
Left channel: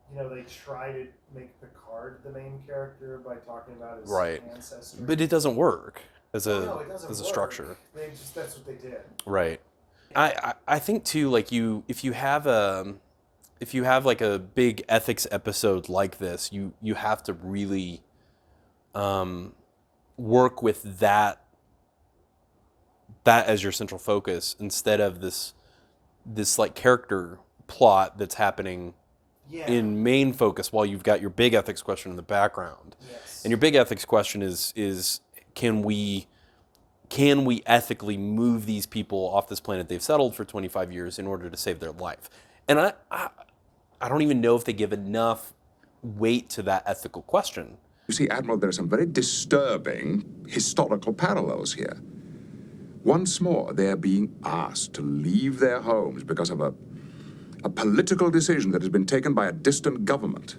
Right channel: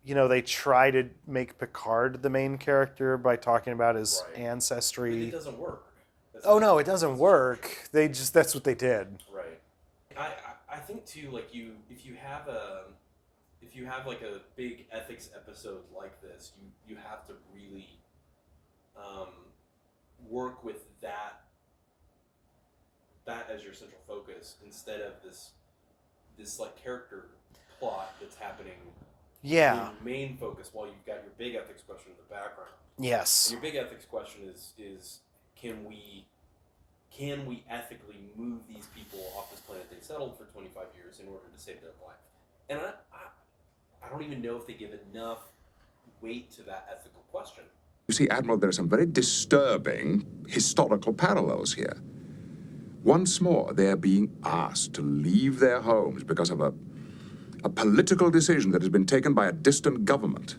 they try to make Picard the main character by talking about his Right. ancestry. But it doesn't work. No, it doesn't as a work. structure. That's what they did. Right. I think too, like if you have like a big ethics episode like this, you have to really work with that as your central focus instead of this like character plot that's happening Yeah. in main focus while you've got your big ethics question in the background. Yes. And your big ethics question is can we ethically move these people off this planet they've settled for 25 years in order to save their life? And I don't even know if they give enough weight to that ethical question. You see, Admiral, there are some very disturbing historical parallels here. Once more, they're being asked to leave their homes because of a political decision that has been taken by a distant government.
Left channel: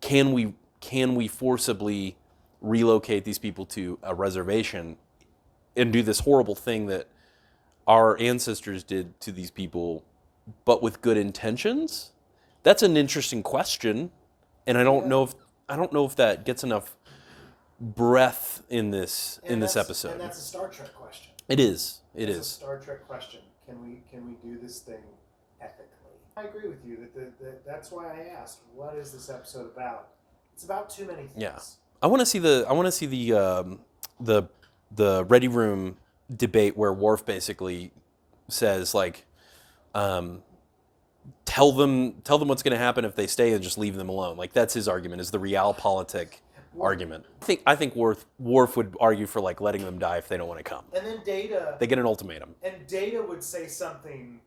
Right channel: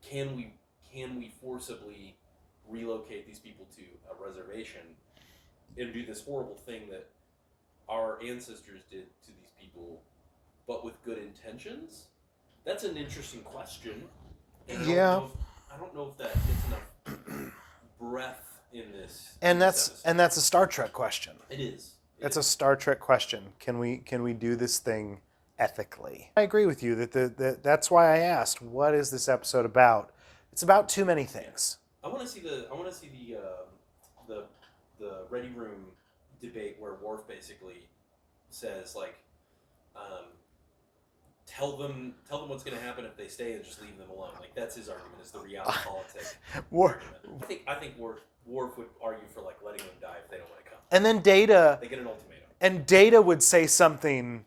Can we forcibly relocate these people to a reservation and do this horrible thing that our ancestors did to these people, but with good intentions? That's an interesting question, and I don't know if that gets enough breath in this episode. And that's a Star Trek question. It is. It's a Star Trek question. Can we do this thing ethically? I agree with you that that's why I asked, what is this episode about? It's about too many things. Yeah. I want to see the Ready Room debate where Worf basically says like, tell them what's going to happen if they stay and just leave them alone. Like that's his argument, is the realpolitik argument. I think Worf would argue for like letting them die if they don't want to come. And then Data, They get an ultimatum. and Data would say something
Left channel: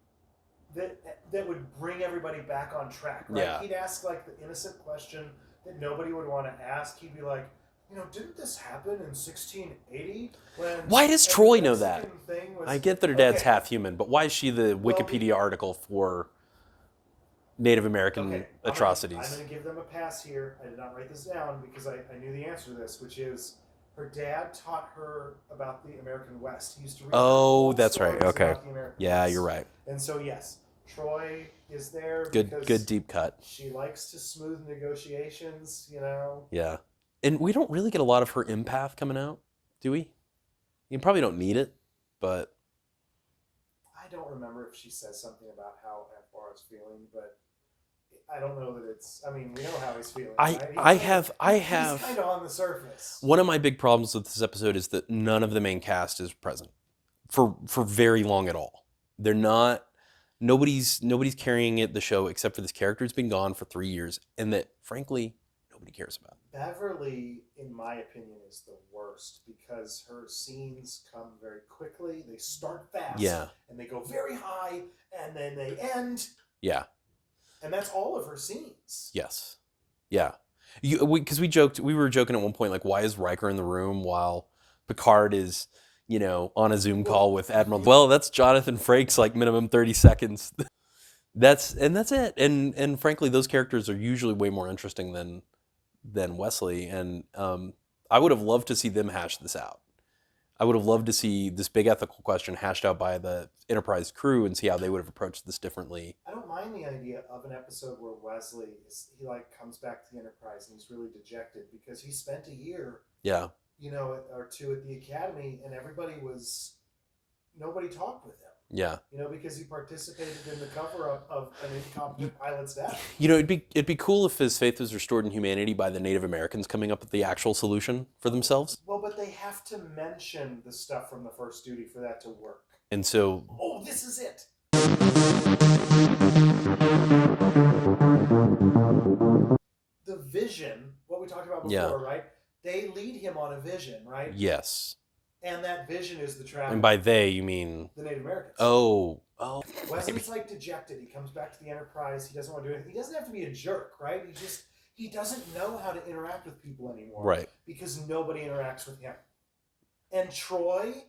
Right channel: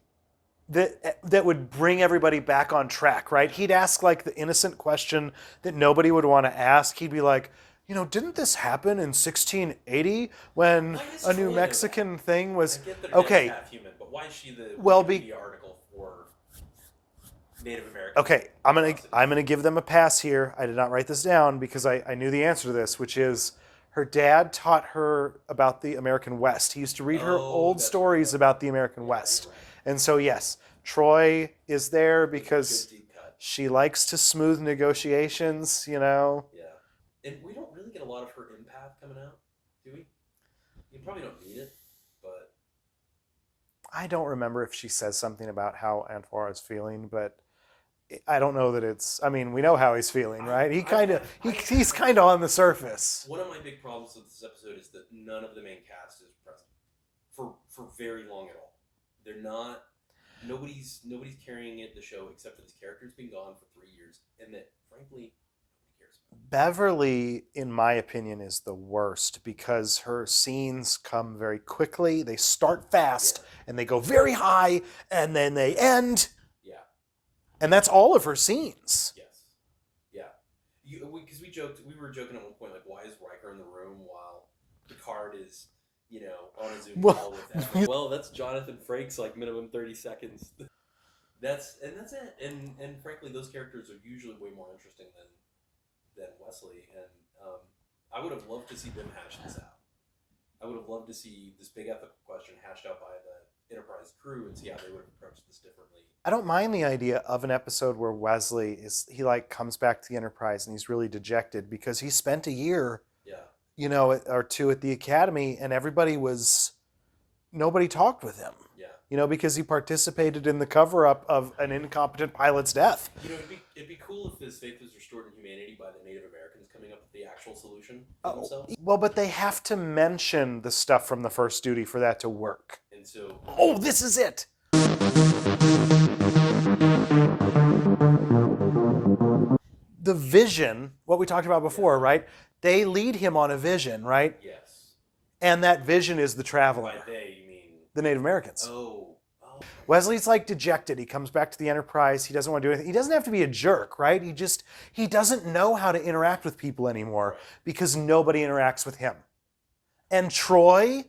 that would bring everybody back on track, right? Yeah. He'd ask like the innocent question that nobody would want to ask. He'd be like, didn't this happen in 1680 when Why does a Troy New know Mexican thing was? I get that her dad's Okay, half human, but why is she the Well, Wikipedia article for Native American Okay, atrocities? I'm gonna give them a pass here. I did not write this down because I knew the answer to this, which is her dad taught her about the American West. He used to read her old that's right, stories okay. about the American Yeah, West. you're right. And so yes, Troy is there because good deep cut. she likes to smooth negotiations. Yeah. And we don't really get a lot of her empath coming out, do we? You probably don't need it, but I don't remember if she says something about how Antoine is feeling, but I don't know that it's. I mean, we know how he's feeling, right? He's kind of on the surface. one of my big problems with this episode is that none of the main cast is present for very long at all. They're not. Nobody's carrying the show except for this character who's been gone for 3 years, and that frankly nobody cares about. Beverly, in my opinion, is the worst because her scenes come very quickly. They start fast Yeah. and they go very high and then they end. Yeah. And that's all of her scenes. Yes. Yeah. Because we were joking at one point, like, why is Riker in the room while Picard is, on a Zoom call with Admiral? Well, that's Jonathan Frakes, like minimum 30 seconds. That's it. And frankly, those characters are usually way more interesting than Wesley. And I would have loved to see them hash this out. I would have loved to see this big ethical question hashed out by the Enterprise crew and see how they would have approached this differently. I don't mind the idea of an episode where Wesley comes back to the Enterprise and he's really dejected because he spent a year, Yeah. or two at the Academy and nobody talked with him. Yeah. Because he participated in the cover-up of an incompetent pilot's death. It'd be cool if his faith was restored in humanity by the Native Americans coming up with the actual solution for themselves. Well, but they have to mention the stuff from the first duty for that to work. And so, Oh, this is it. The vision, what we talked about before, Yeah. right? They lead him on a vision, right? yes. And that vision is the traveler. And by they, you mean... the Native Americans. Oh. Wesley's like dejected. He comes back to the Enterprise. He doesn't want to do anything. He doesn't have to be a jerk, right? He doesn't know how to interact with people anymore. Right. Because nobody interacts with him. And Troy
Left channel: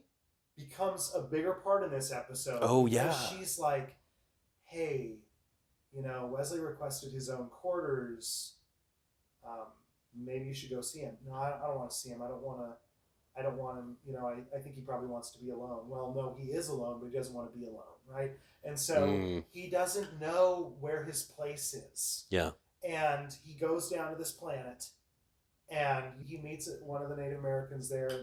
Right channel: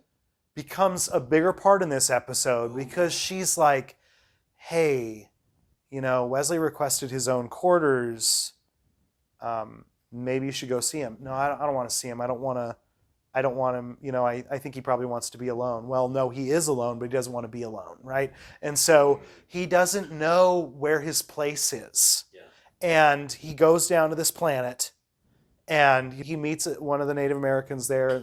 becomes a bigger part in this episode Oh, because yeah. she's like, hey, Wesley requested his own quarters. Maybe you should go see him. No, I don't want to see him. I don't want him. I think he probably wants to be alone. Well, no, he is alone, but he doesn't want to be alone, right? And so he doesn't know where his place is. Yeah. And he goes down to this planet and he meets one of the Native Americans there.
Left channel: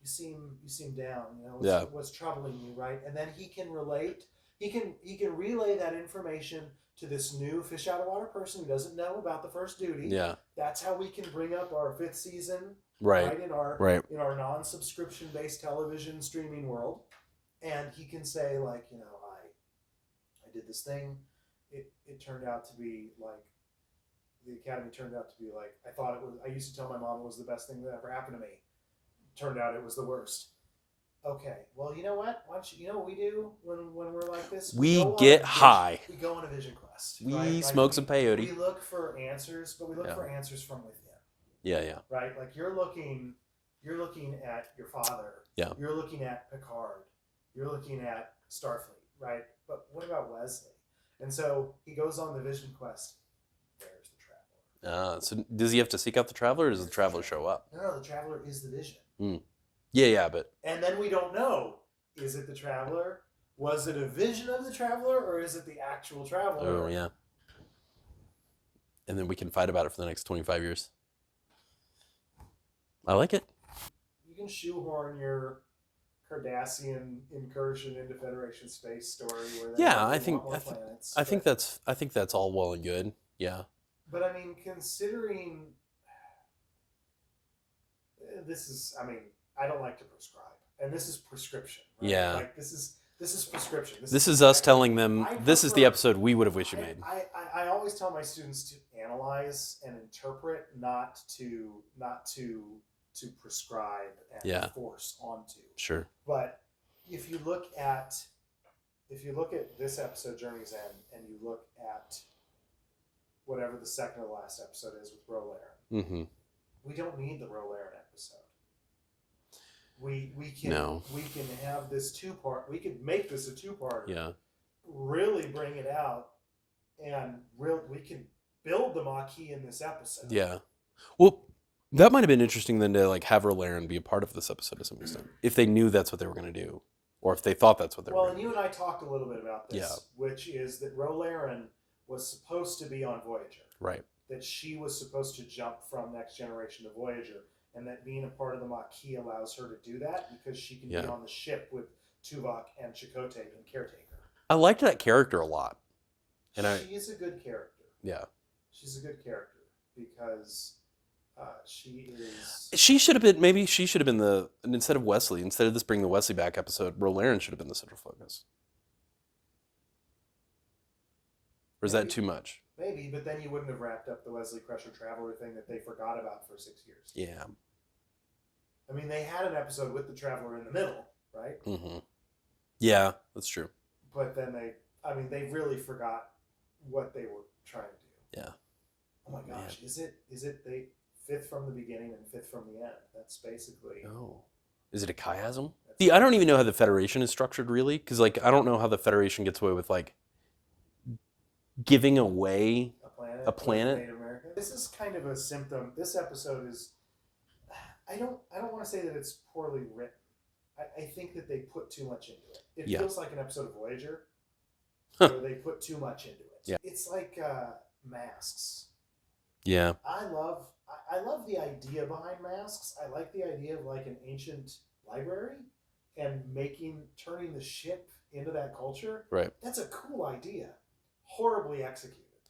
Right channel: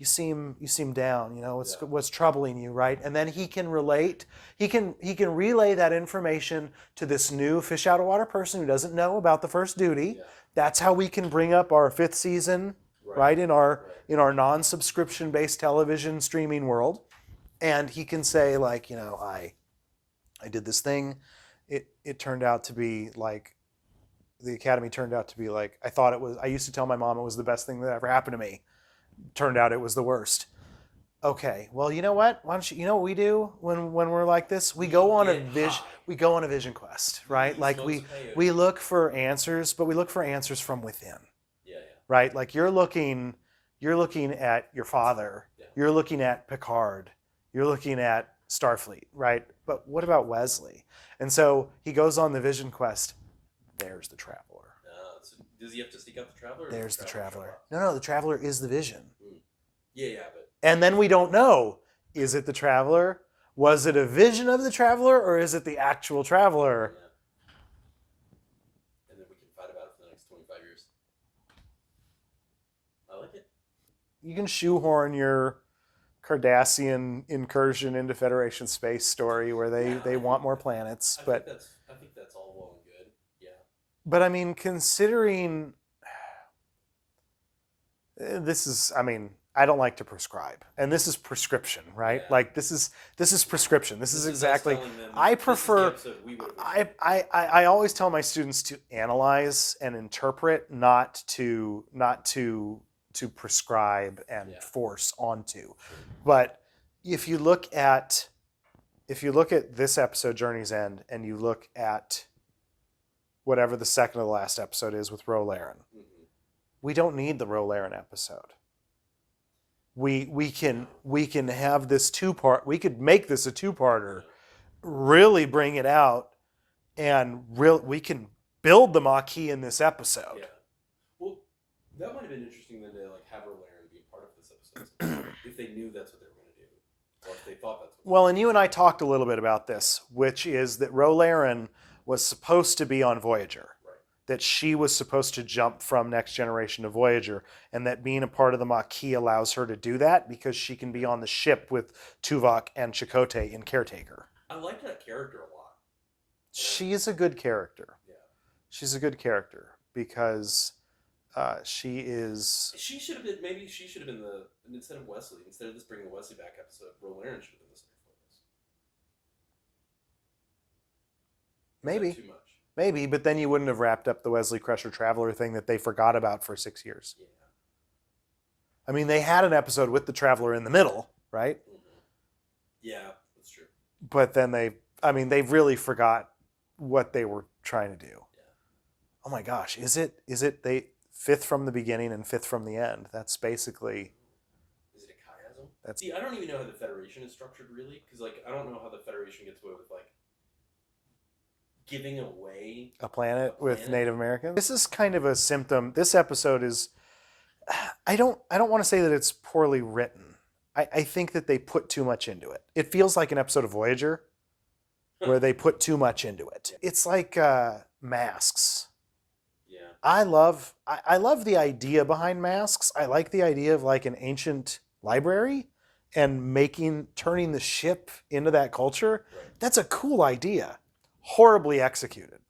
You seem down, what's troubling you, right? And then he can relate. He can relay that information to this new fish out of water person who doesn't know about the first duty. Yeah. That's how we can bring up our 5th season, right? In our non-subscription based television streaming world. And he can say like, I did this thing. It turned out to be like, the Academy turned out to be like, I used to tell my mom it was the best thing that ever happened to me. Turned out it was the worst. Okay, well, you know what? Why don't you know what we do when we're like this? We go on get a high. We go on a vision quest, right? We smoke some peyote. We look for answers, but we look for answers from within. Yeah. Right? Like you're looking at your father. Yeah. You're looking at Picard. You're looking at Starfleet, right? But what about Wesley? And so he goes on the vision quest. There's the Traveler. So does he have to seek out the Traveler, or does There's the Traveler show up? No, the Traveler is the vision. Yeah, but... And then we don't know, is it the Traveler? Was it a vision of the Traveler, or is it the actual Traveler? Oh, yeah. And then we can fight about it for the next 25 years. I like it. You can shoehorn your Cardassian incursion into Federation space story where they want more planets. I think that's all well and good. Yeah. But I mean, considering I don't like to prescribe, and this is prescription, right? Yeah. Like this is prescription. This is us telling them this is the episode we would have wished you made. I always tell my students to analyze and interpret, not to prescribe and force onto. Sure. But if you look at this episode, Journey's End, and you look at whatever the second to the last episode is with Ro Laren, we don't need the Ro Laren episode. We can have this 2-part. We could make this a 2-parter. Yeah. Really bring it out, and we can build the Maquis in this episode. Yeah. Well, that might have been interesting then to like have Ro Laren be a part of this episode of some extent, if they knew that's what they were going to do, or if they thought that's what they were Well, and you and I talked a little bit about this, which is that Ro Laren was supposed to be on Voyager. Right. That she was supposed to jump from Next Generation to Voyager, and that being a part of the Maquis allows her to do that because she can be on the ship with Tuvok and Chakotay in Caretaker. I liked that character a lot. She is a good character. Yeah. She's a good character because she is... She should have been instead of Wesley, instead of this Bring the Wesley Back episode, Ro Laren should have been the central focus. Or is that too much? Maybe, but then you wouldn't have wrapped up the Wesley Crusher Traveler thing that they forgot about for 6 years. Yeah. I mean, they had an episode with the Traveler in the middle, right? Mm-hmm. Yeah, that's true. But then they really forgot what they were trying to do. Yeah. Oh my gosh, is it they fifth from the beginning and fifth from the end? That's basically. Oh. Is it a chiasm? That's- See, I don't even know how the Federation is structured really, because like I don't know how the Federation gets away with like giving away A planet, A planet? with Native Americans. This is kind of a symptom. This episode is. I don't want to say that it's poorly written. I think that they put too much into it. It Yeah. feels like an episode of Voyager, where they put too much into it. Yeah. It's like Masks. Yeah. I love the idea behind Masks. I like the idea of like an ancient library and turning the ship into that culture. Right. That's a cool idea. Horribly executed.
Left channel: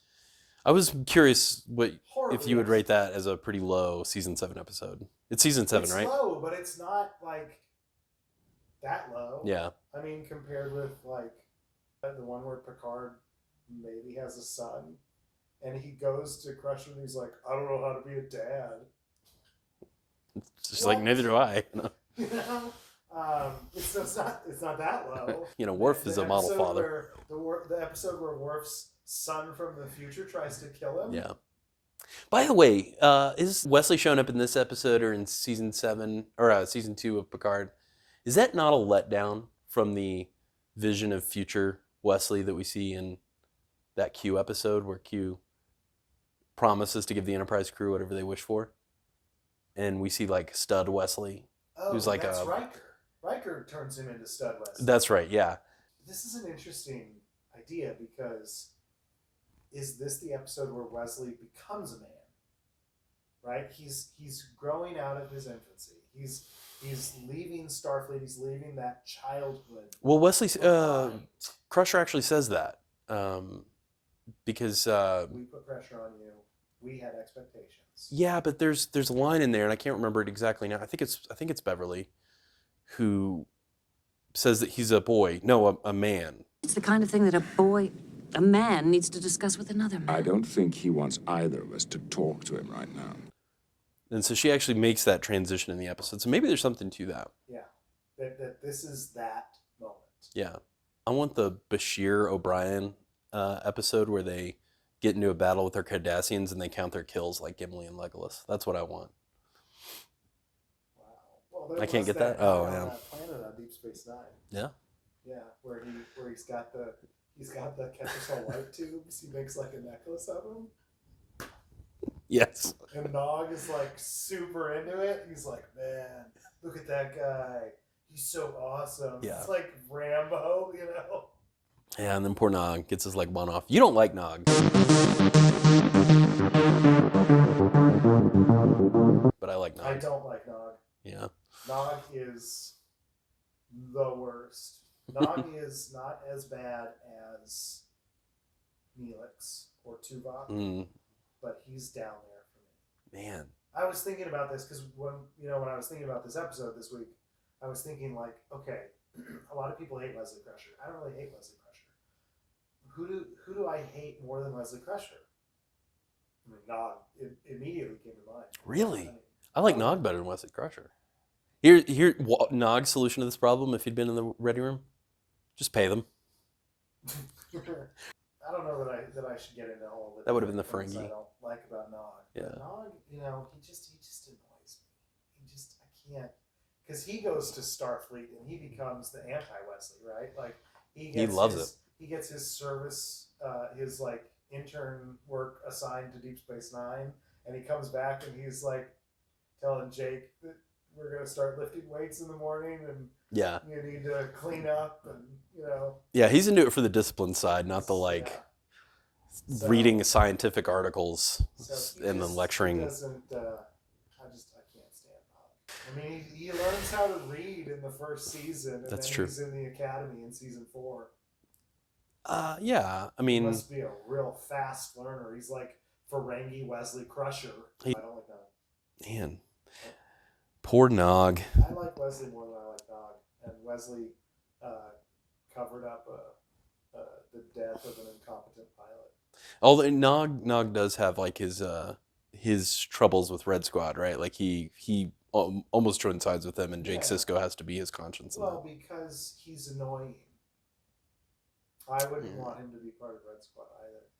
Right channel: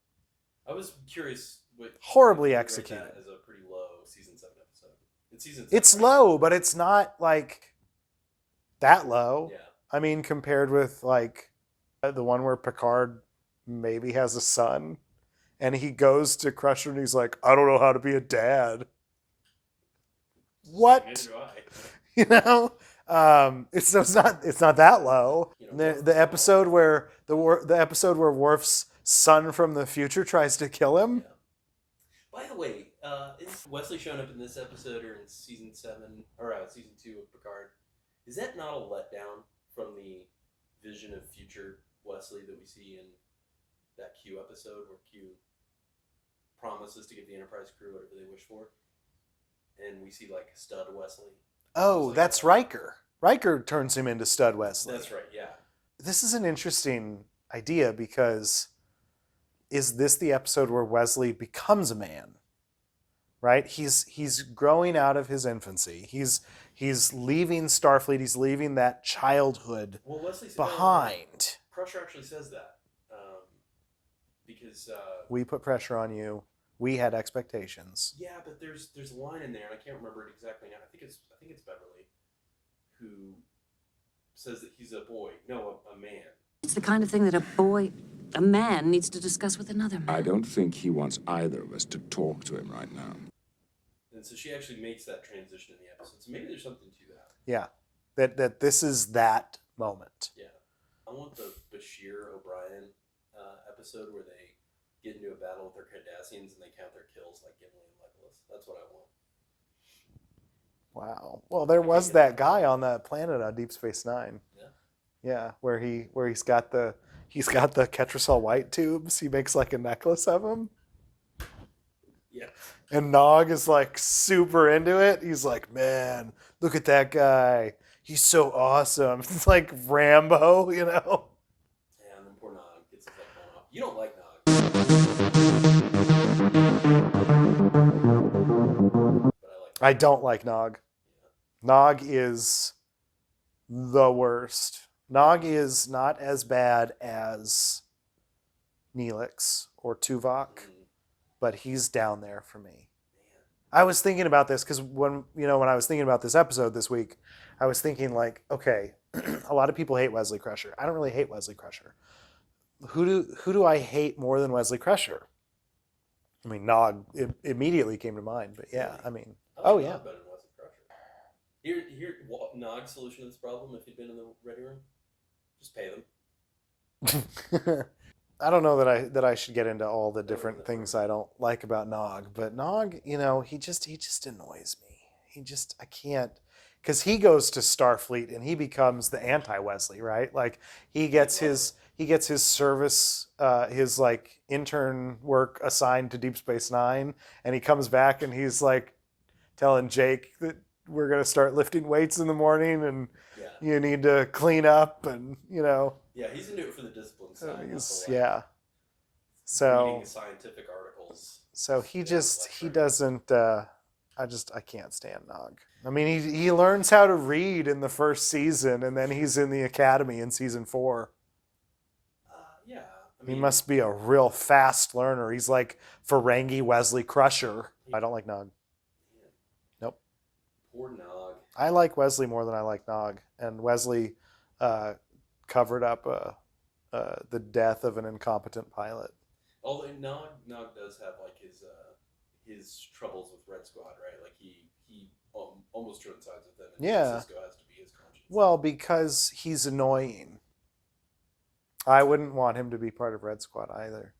I was curious what Horribly if you would rate executed. that as a pretty low season 7 episode. It's season 7, It's right? low, but it's not like that low. Yeah. I mean, compared with like the one where Picard maybe has a son and he goes to Crusher and he's like, I don't know how to be a dad. It's just What? like neither do I. You know? It's not that low. You know, Worf is the a model episode father. where the episode where Worf's son from the future tries to kill him. Yeah. By the way, is Wesley showing up in this episode or in season 7 or season 2 of Picard? Is that not a letdown from the vision of future Wesley that we see in that Q episode where Q promises to give the Enterprise crew whatever they wish for? And we see like stud Wesley. Oh, who's like that's a- Riker. Riker turns him into Stud West. That's right, yeah. This is an interesting idea because is this the episode where Wesley becomes a man? Right? He's growing out of his infancy. He's leaving Starfleet. He's leaving that childhood Well, Wesley behind. Crusher actually says that because We put pressure on you. We had expectations. yeah, but there's a line in there, and I can't remember it exactly now. I think it's Beverly, who says that he's a boy. No, a man. It's the kind of thing that a man needs to discuss with another man. I don't think he wants either of us to talk to him right now. And so she actually makes that transition in the episode. So maybe there's something to that. Yeah. That this is that moment. Yeah, I want the Bashir O'Brien episode where they get into a battle with their Cardassians and they count their kills like Gimli and Legolas. That's what I want. Wow. Well, there I can't was get that that. guy Oh, on yeah. that planet on Deep Space Nine. Yeah. Yeah, where he's got the Ketracel white tubes. He makes like a necklace of them. Yes. And Nog is like super into it. He's like, man, look at that guy. He's so awesome. It's like Rambo, you know? Yeah, and then poor Nog gets his leg blown off. You don't like Nog. But I like Nog. I don't like Nog. Yeah. Nog is the worst. Nog is not as bad as Neelix or Tuvok, Mm, but he's down there for me. man. I was thinking about this because when I was thinking about this episode this week, I was thinking like, okay, a lot of people hate Wesley Crusher. I don't really hate Wesley Crusher. Who do I hate more than Wesley Crusher? I mean, Nog immediately came to mind. But Really? Yeah, I mean, I like oh, Nog yeah. better than Wesley Crusher. Nog's solution to this problem, if he'd been in the ready room, just pay them. I don't know that I should get into all the That would've been different the things Ferengi. I don't like about Nog, but Yeah. Nog, he just annoys me. I can't, because he goes to Starfleet and he becomes the anti-Wesley, right? Like he gets loves his service, his like intern work assigned to Deep Space Nine, and he comes back and he's like telling Jake that we're gonna start lifting weights in the morning and Yeah. you need to clean up and Yeah, he's into it for the discipline side, not the like yeah. So, reading scientific articles. So he and just lecturing. he doesn't. I can't stand Nog. I mean, he learns how to read in the first season, and That's then true. he's in the academy in season 4. Yeah, I He mean, must be a real fast learner. He's like Ferengi Wesley Crusher. I don't like Nog. man. Nope. Poor Nog. I like Wesley more than I like Nog, and Wesley covered up the death of an incompetent pilot. Although Nog does have like his troubles with Red Squad, right? Like he almost joined sides with them, and Yeah. Jake Sisko has to be his conscience. Well, because he's annoying. I wouldn't want him to be part of Red Squad either.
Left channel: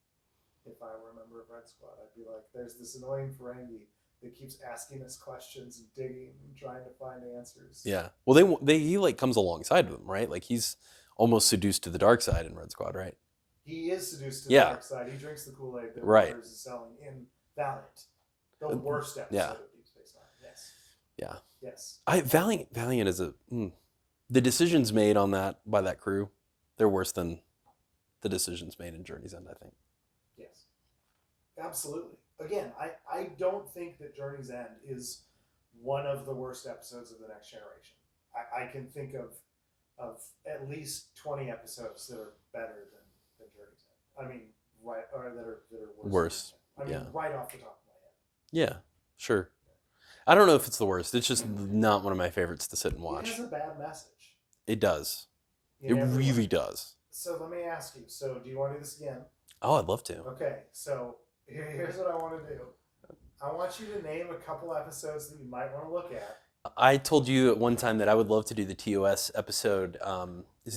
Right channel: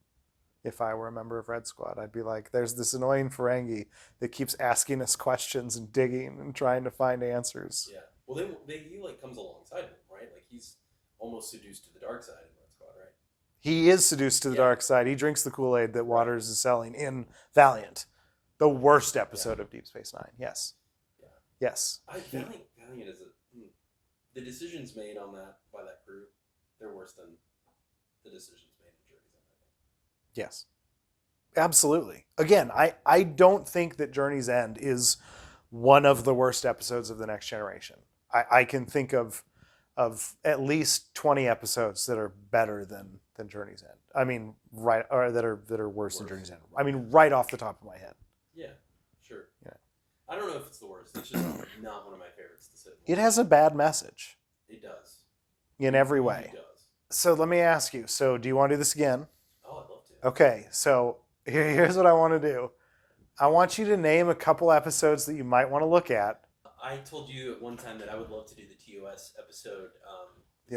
If I were a member of Red Squad, I'd be like, there's this annoying Ferengi that keeps asking us questions and digging and trying to find answers. Yeah. Well, he like comes alongside them, right? Like he's almost seduced to the dark side in Red Squad, right? He is seduced to the Yeah. dark side. He drinks the Kool-Aid that Right. Waters is selling in Valiant. The worst episode of Deep Space Nine. Yes. Yeah. Yes. Valiant is the decisions made on that by that crew, they're worse than the decisions made in Journey's End, I think. Yes. Absolutely. Again, I don't think that Journey's End is one of the worst episodes of The Next Generation. I can think of at least 20 episodes that are better than Journey's End. I mean, right, or that are worse than Journey's End. I mean, right off the top of my head. Yeah, sure. Yeah. I don't know if it's the worst. It's just not one of my favorites to sit and watch. It has a bad message It does. in it every really way. does. So let me ask you. So do you want to do this again? Oh, I'd love to. Okay. So here's what I want to do. I want you to name a couple episodes that you might want to look at. I told you at one time that I would love to do the TOS episode.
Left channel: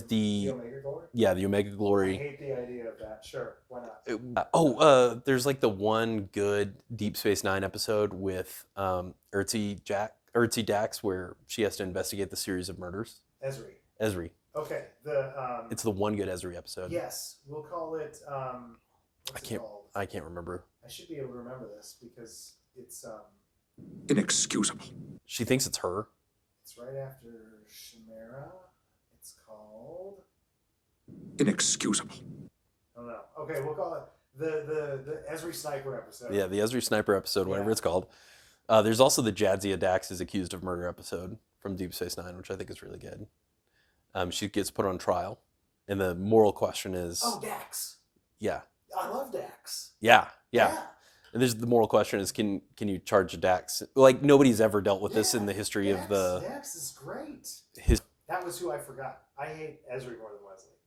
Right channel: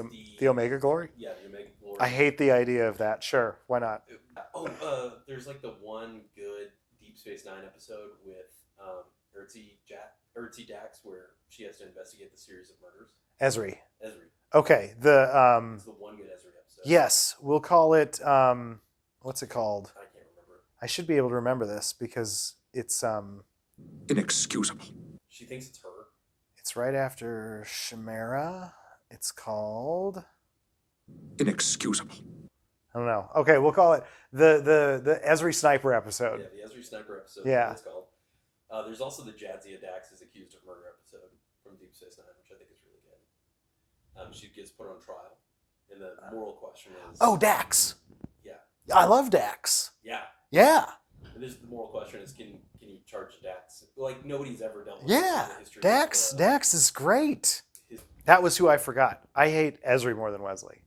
The Omega Glory? Yeah, the Omega Glory. I hate the idea of that. Sure, why not? There's like the one good Deep Space Nine episode with Ertzi Dax, where she has to investigate the series of murders. Esri. It's Okay. the one good Esri episode. Yes, we'll call it. What's it called? I can't remember. I should be able to remember this because it's Inexcusable. She thinks it's her. It's right after Chimera. It's called. Inexcusable. I don't know. Okay, we'll call it the Esri Sniper episode. Yeah, the Esri Sniper episode, Yeah. whatever it's called. There's also the Jadzia Dax is accused of murder episode from Deep Space Nine, which I think is really good. She gets put on trial, and the moral question is... Oh, Dax. Yeah. I love Dax. Yeah. Yeah. And the moral question is, can you charge a Dax? Like, nobody's ever dealt with this in the history Dax, of the... Dax is great. His... That was who I forgot. I hate Esri more than Wesley.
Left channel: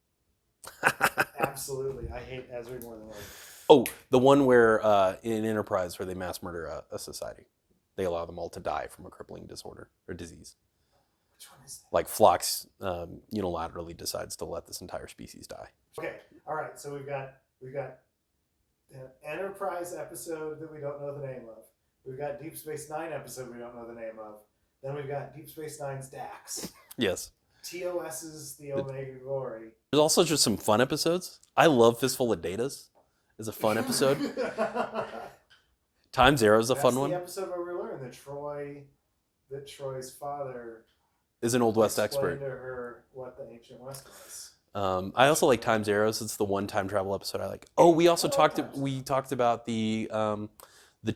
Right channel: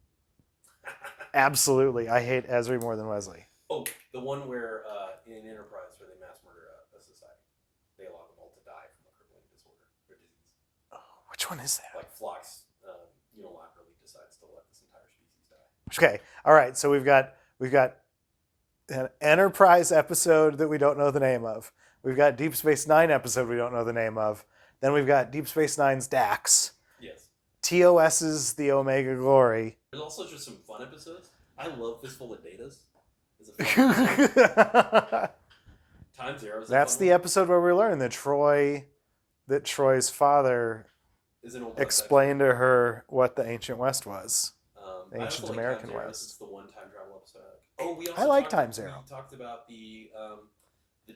Absolutely. I hate Esri more than Wesley. Oh, the one where in Enterprise where they mass murder a society. They allow them all to die from a crippling disorder or disease. Which one is that? Like Phlox unilaterally decides to let this entire species die. Okay. All right. So we've got an Enterprise episode that we don't know the name of. We've got Deep Space Nine episode we don't know the name of. Then we've got Deep Space Nine's Dax. Yes. TOS's The Omega Glory. There's also just some fun episodes. I love Fistful of Datas. It's a fun episode. Time Zero is a fun one. That's the episode where we learn that Troy's father is an Old West explained expert. to her what the Ancient West was. I also like Time Zero. It's the one time travel episode I like. Oh, we also talked about the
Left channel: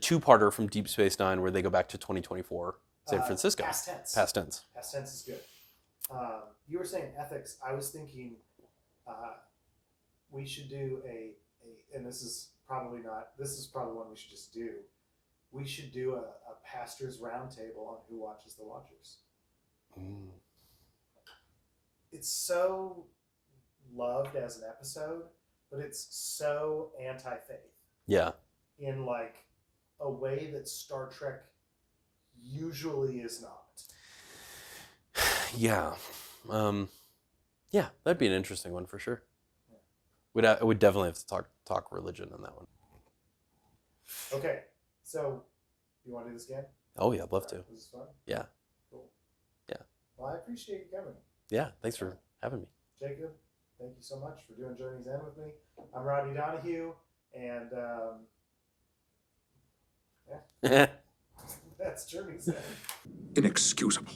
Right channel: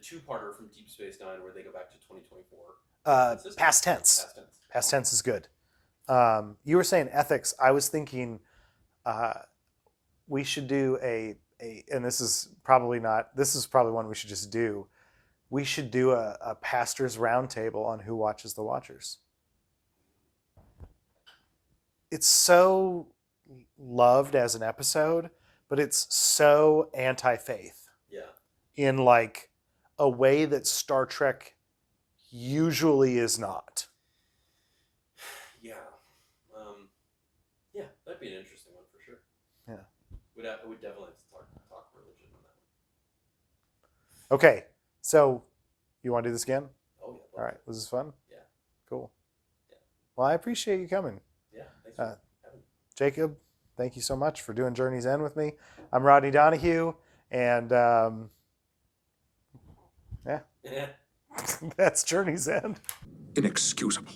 two-parter from Deep Space Nine where they go back to 2024 San Francisco. Past tense. Past tense is good. You were saying ethics. I was thinking we should do and this is probably one we should just do. We should do a pastor's roundtable on Who Watches the Watchers. It's so loved as an episode, but it's so anti-faith. Yeah. In like a way that Star Trek usually is not. Yeah. Yeah, that'd be an interesting one for sure. Yeah. We'd definitely have to talk religion on that one. Okay. So you want to do this again? Oh yeah, I'd love to. Was this fun? Yeah. Cool. Yeah. Well, I appreciate you coming. Yeah, thanks for having me. Jacob, thank you so much for doing Journey's End with me. I'm Rodney Donahue, and yeah, that's Journey's End. Inexcusable.